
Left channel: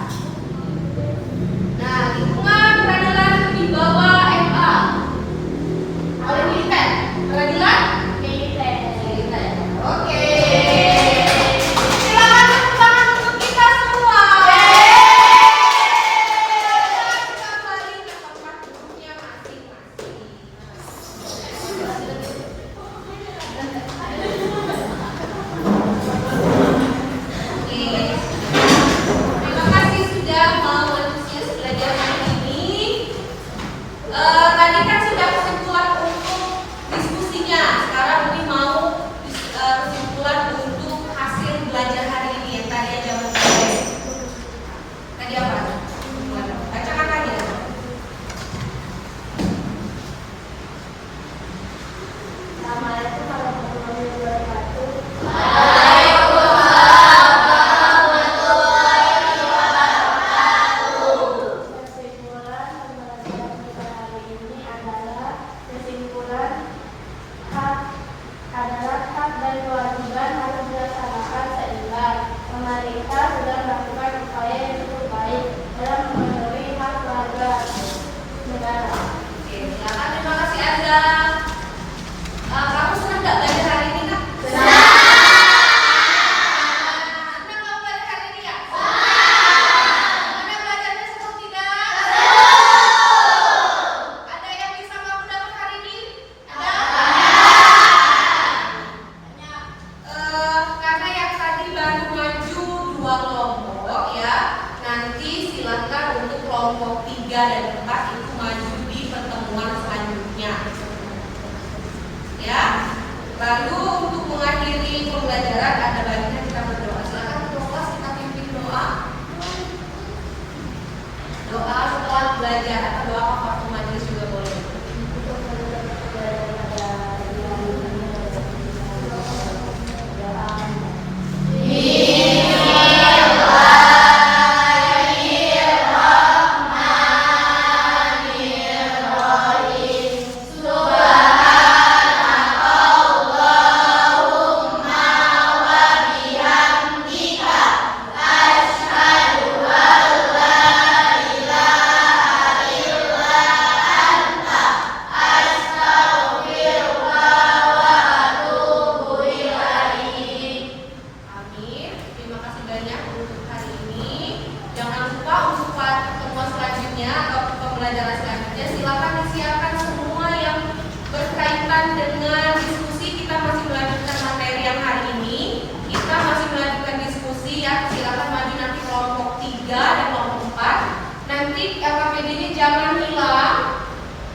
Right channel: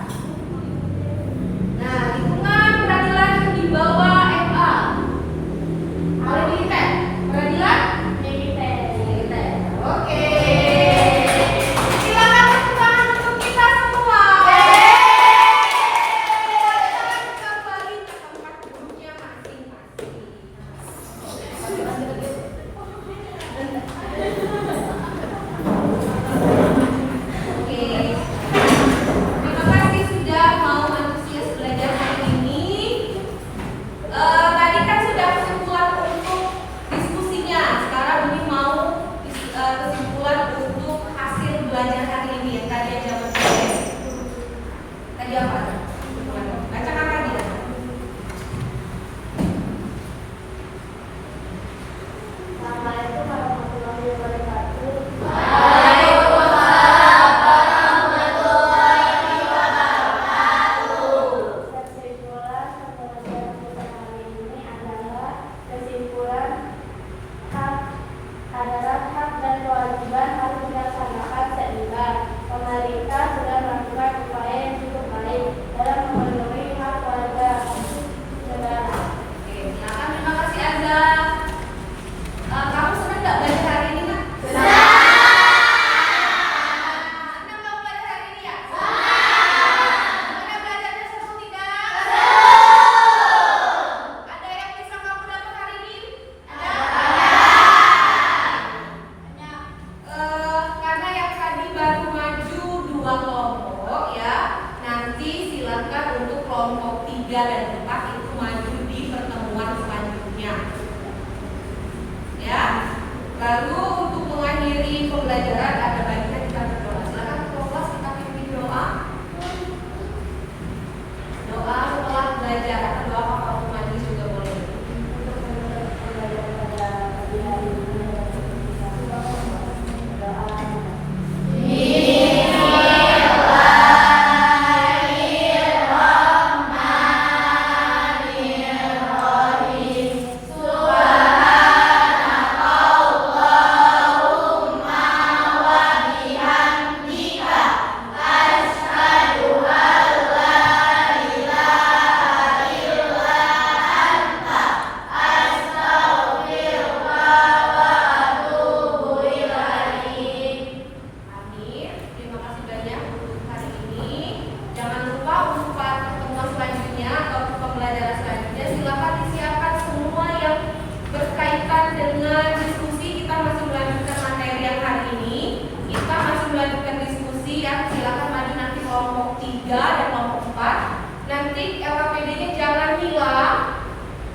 Nah, lingkungan peradilan di bawah MA. Oleh militer. Peradilan militer. Oke. Silakan tepuk tangan untuk kita semua. Kembali ke tempat duduknya masing-masing. Oke. Terima kasih sudah mau antusias belajar hari ini. Tadi kan sudah kesimpulan untuk diskusinya. Sekarang ini mau kesimpulan untuk hasil belajar hari ini yang tadi ada berbagai. Tadi apa? Bacakan lagi ya. Assalamualaikum warahmatullahi wabarakatuh. Kesimpulan pembelajaran kita hari ini adalah kesimpulan hak dan kewajiban harus dilaksanakan seimbang. Pemerintah sudah melakukan upaya yang cukup baik dalam memenuhi hak warga negara. Oke, silakan. Terima kasih Azza. Kamu senang nggak belajar hari ini, Kak? Senang kamu belajar hari ini ya? Gimana belajarnya, seru tidak? Ada yang bisa kamu dapat hari ini? Karena yang tadi baru maju 2 kelompok ya, nanti silahkan untuk kelompok 3 dan 4 itu maju di pertemuan selanjutnya.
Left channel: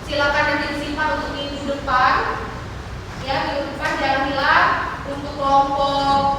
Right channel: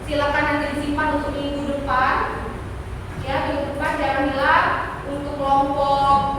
Silakan nanti disimpan untuk minggu depan. Ya, minggu depan jangan hilang untuk kelompok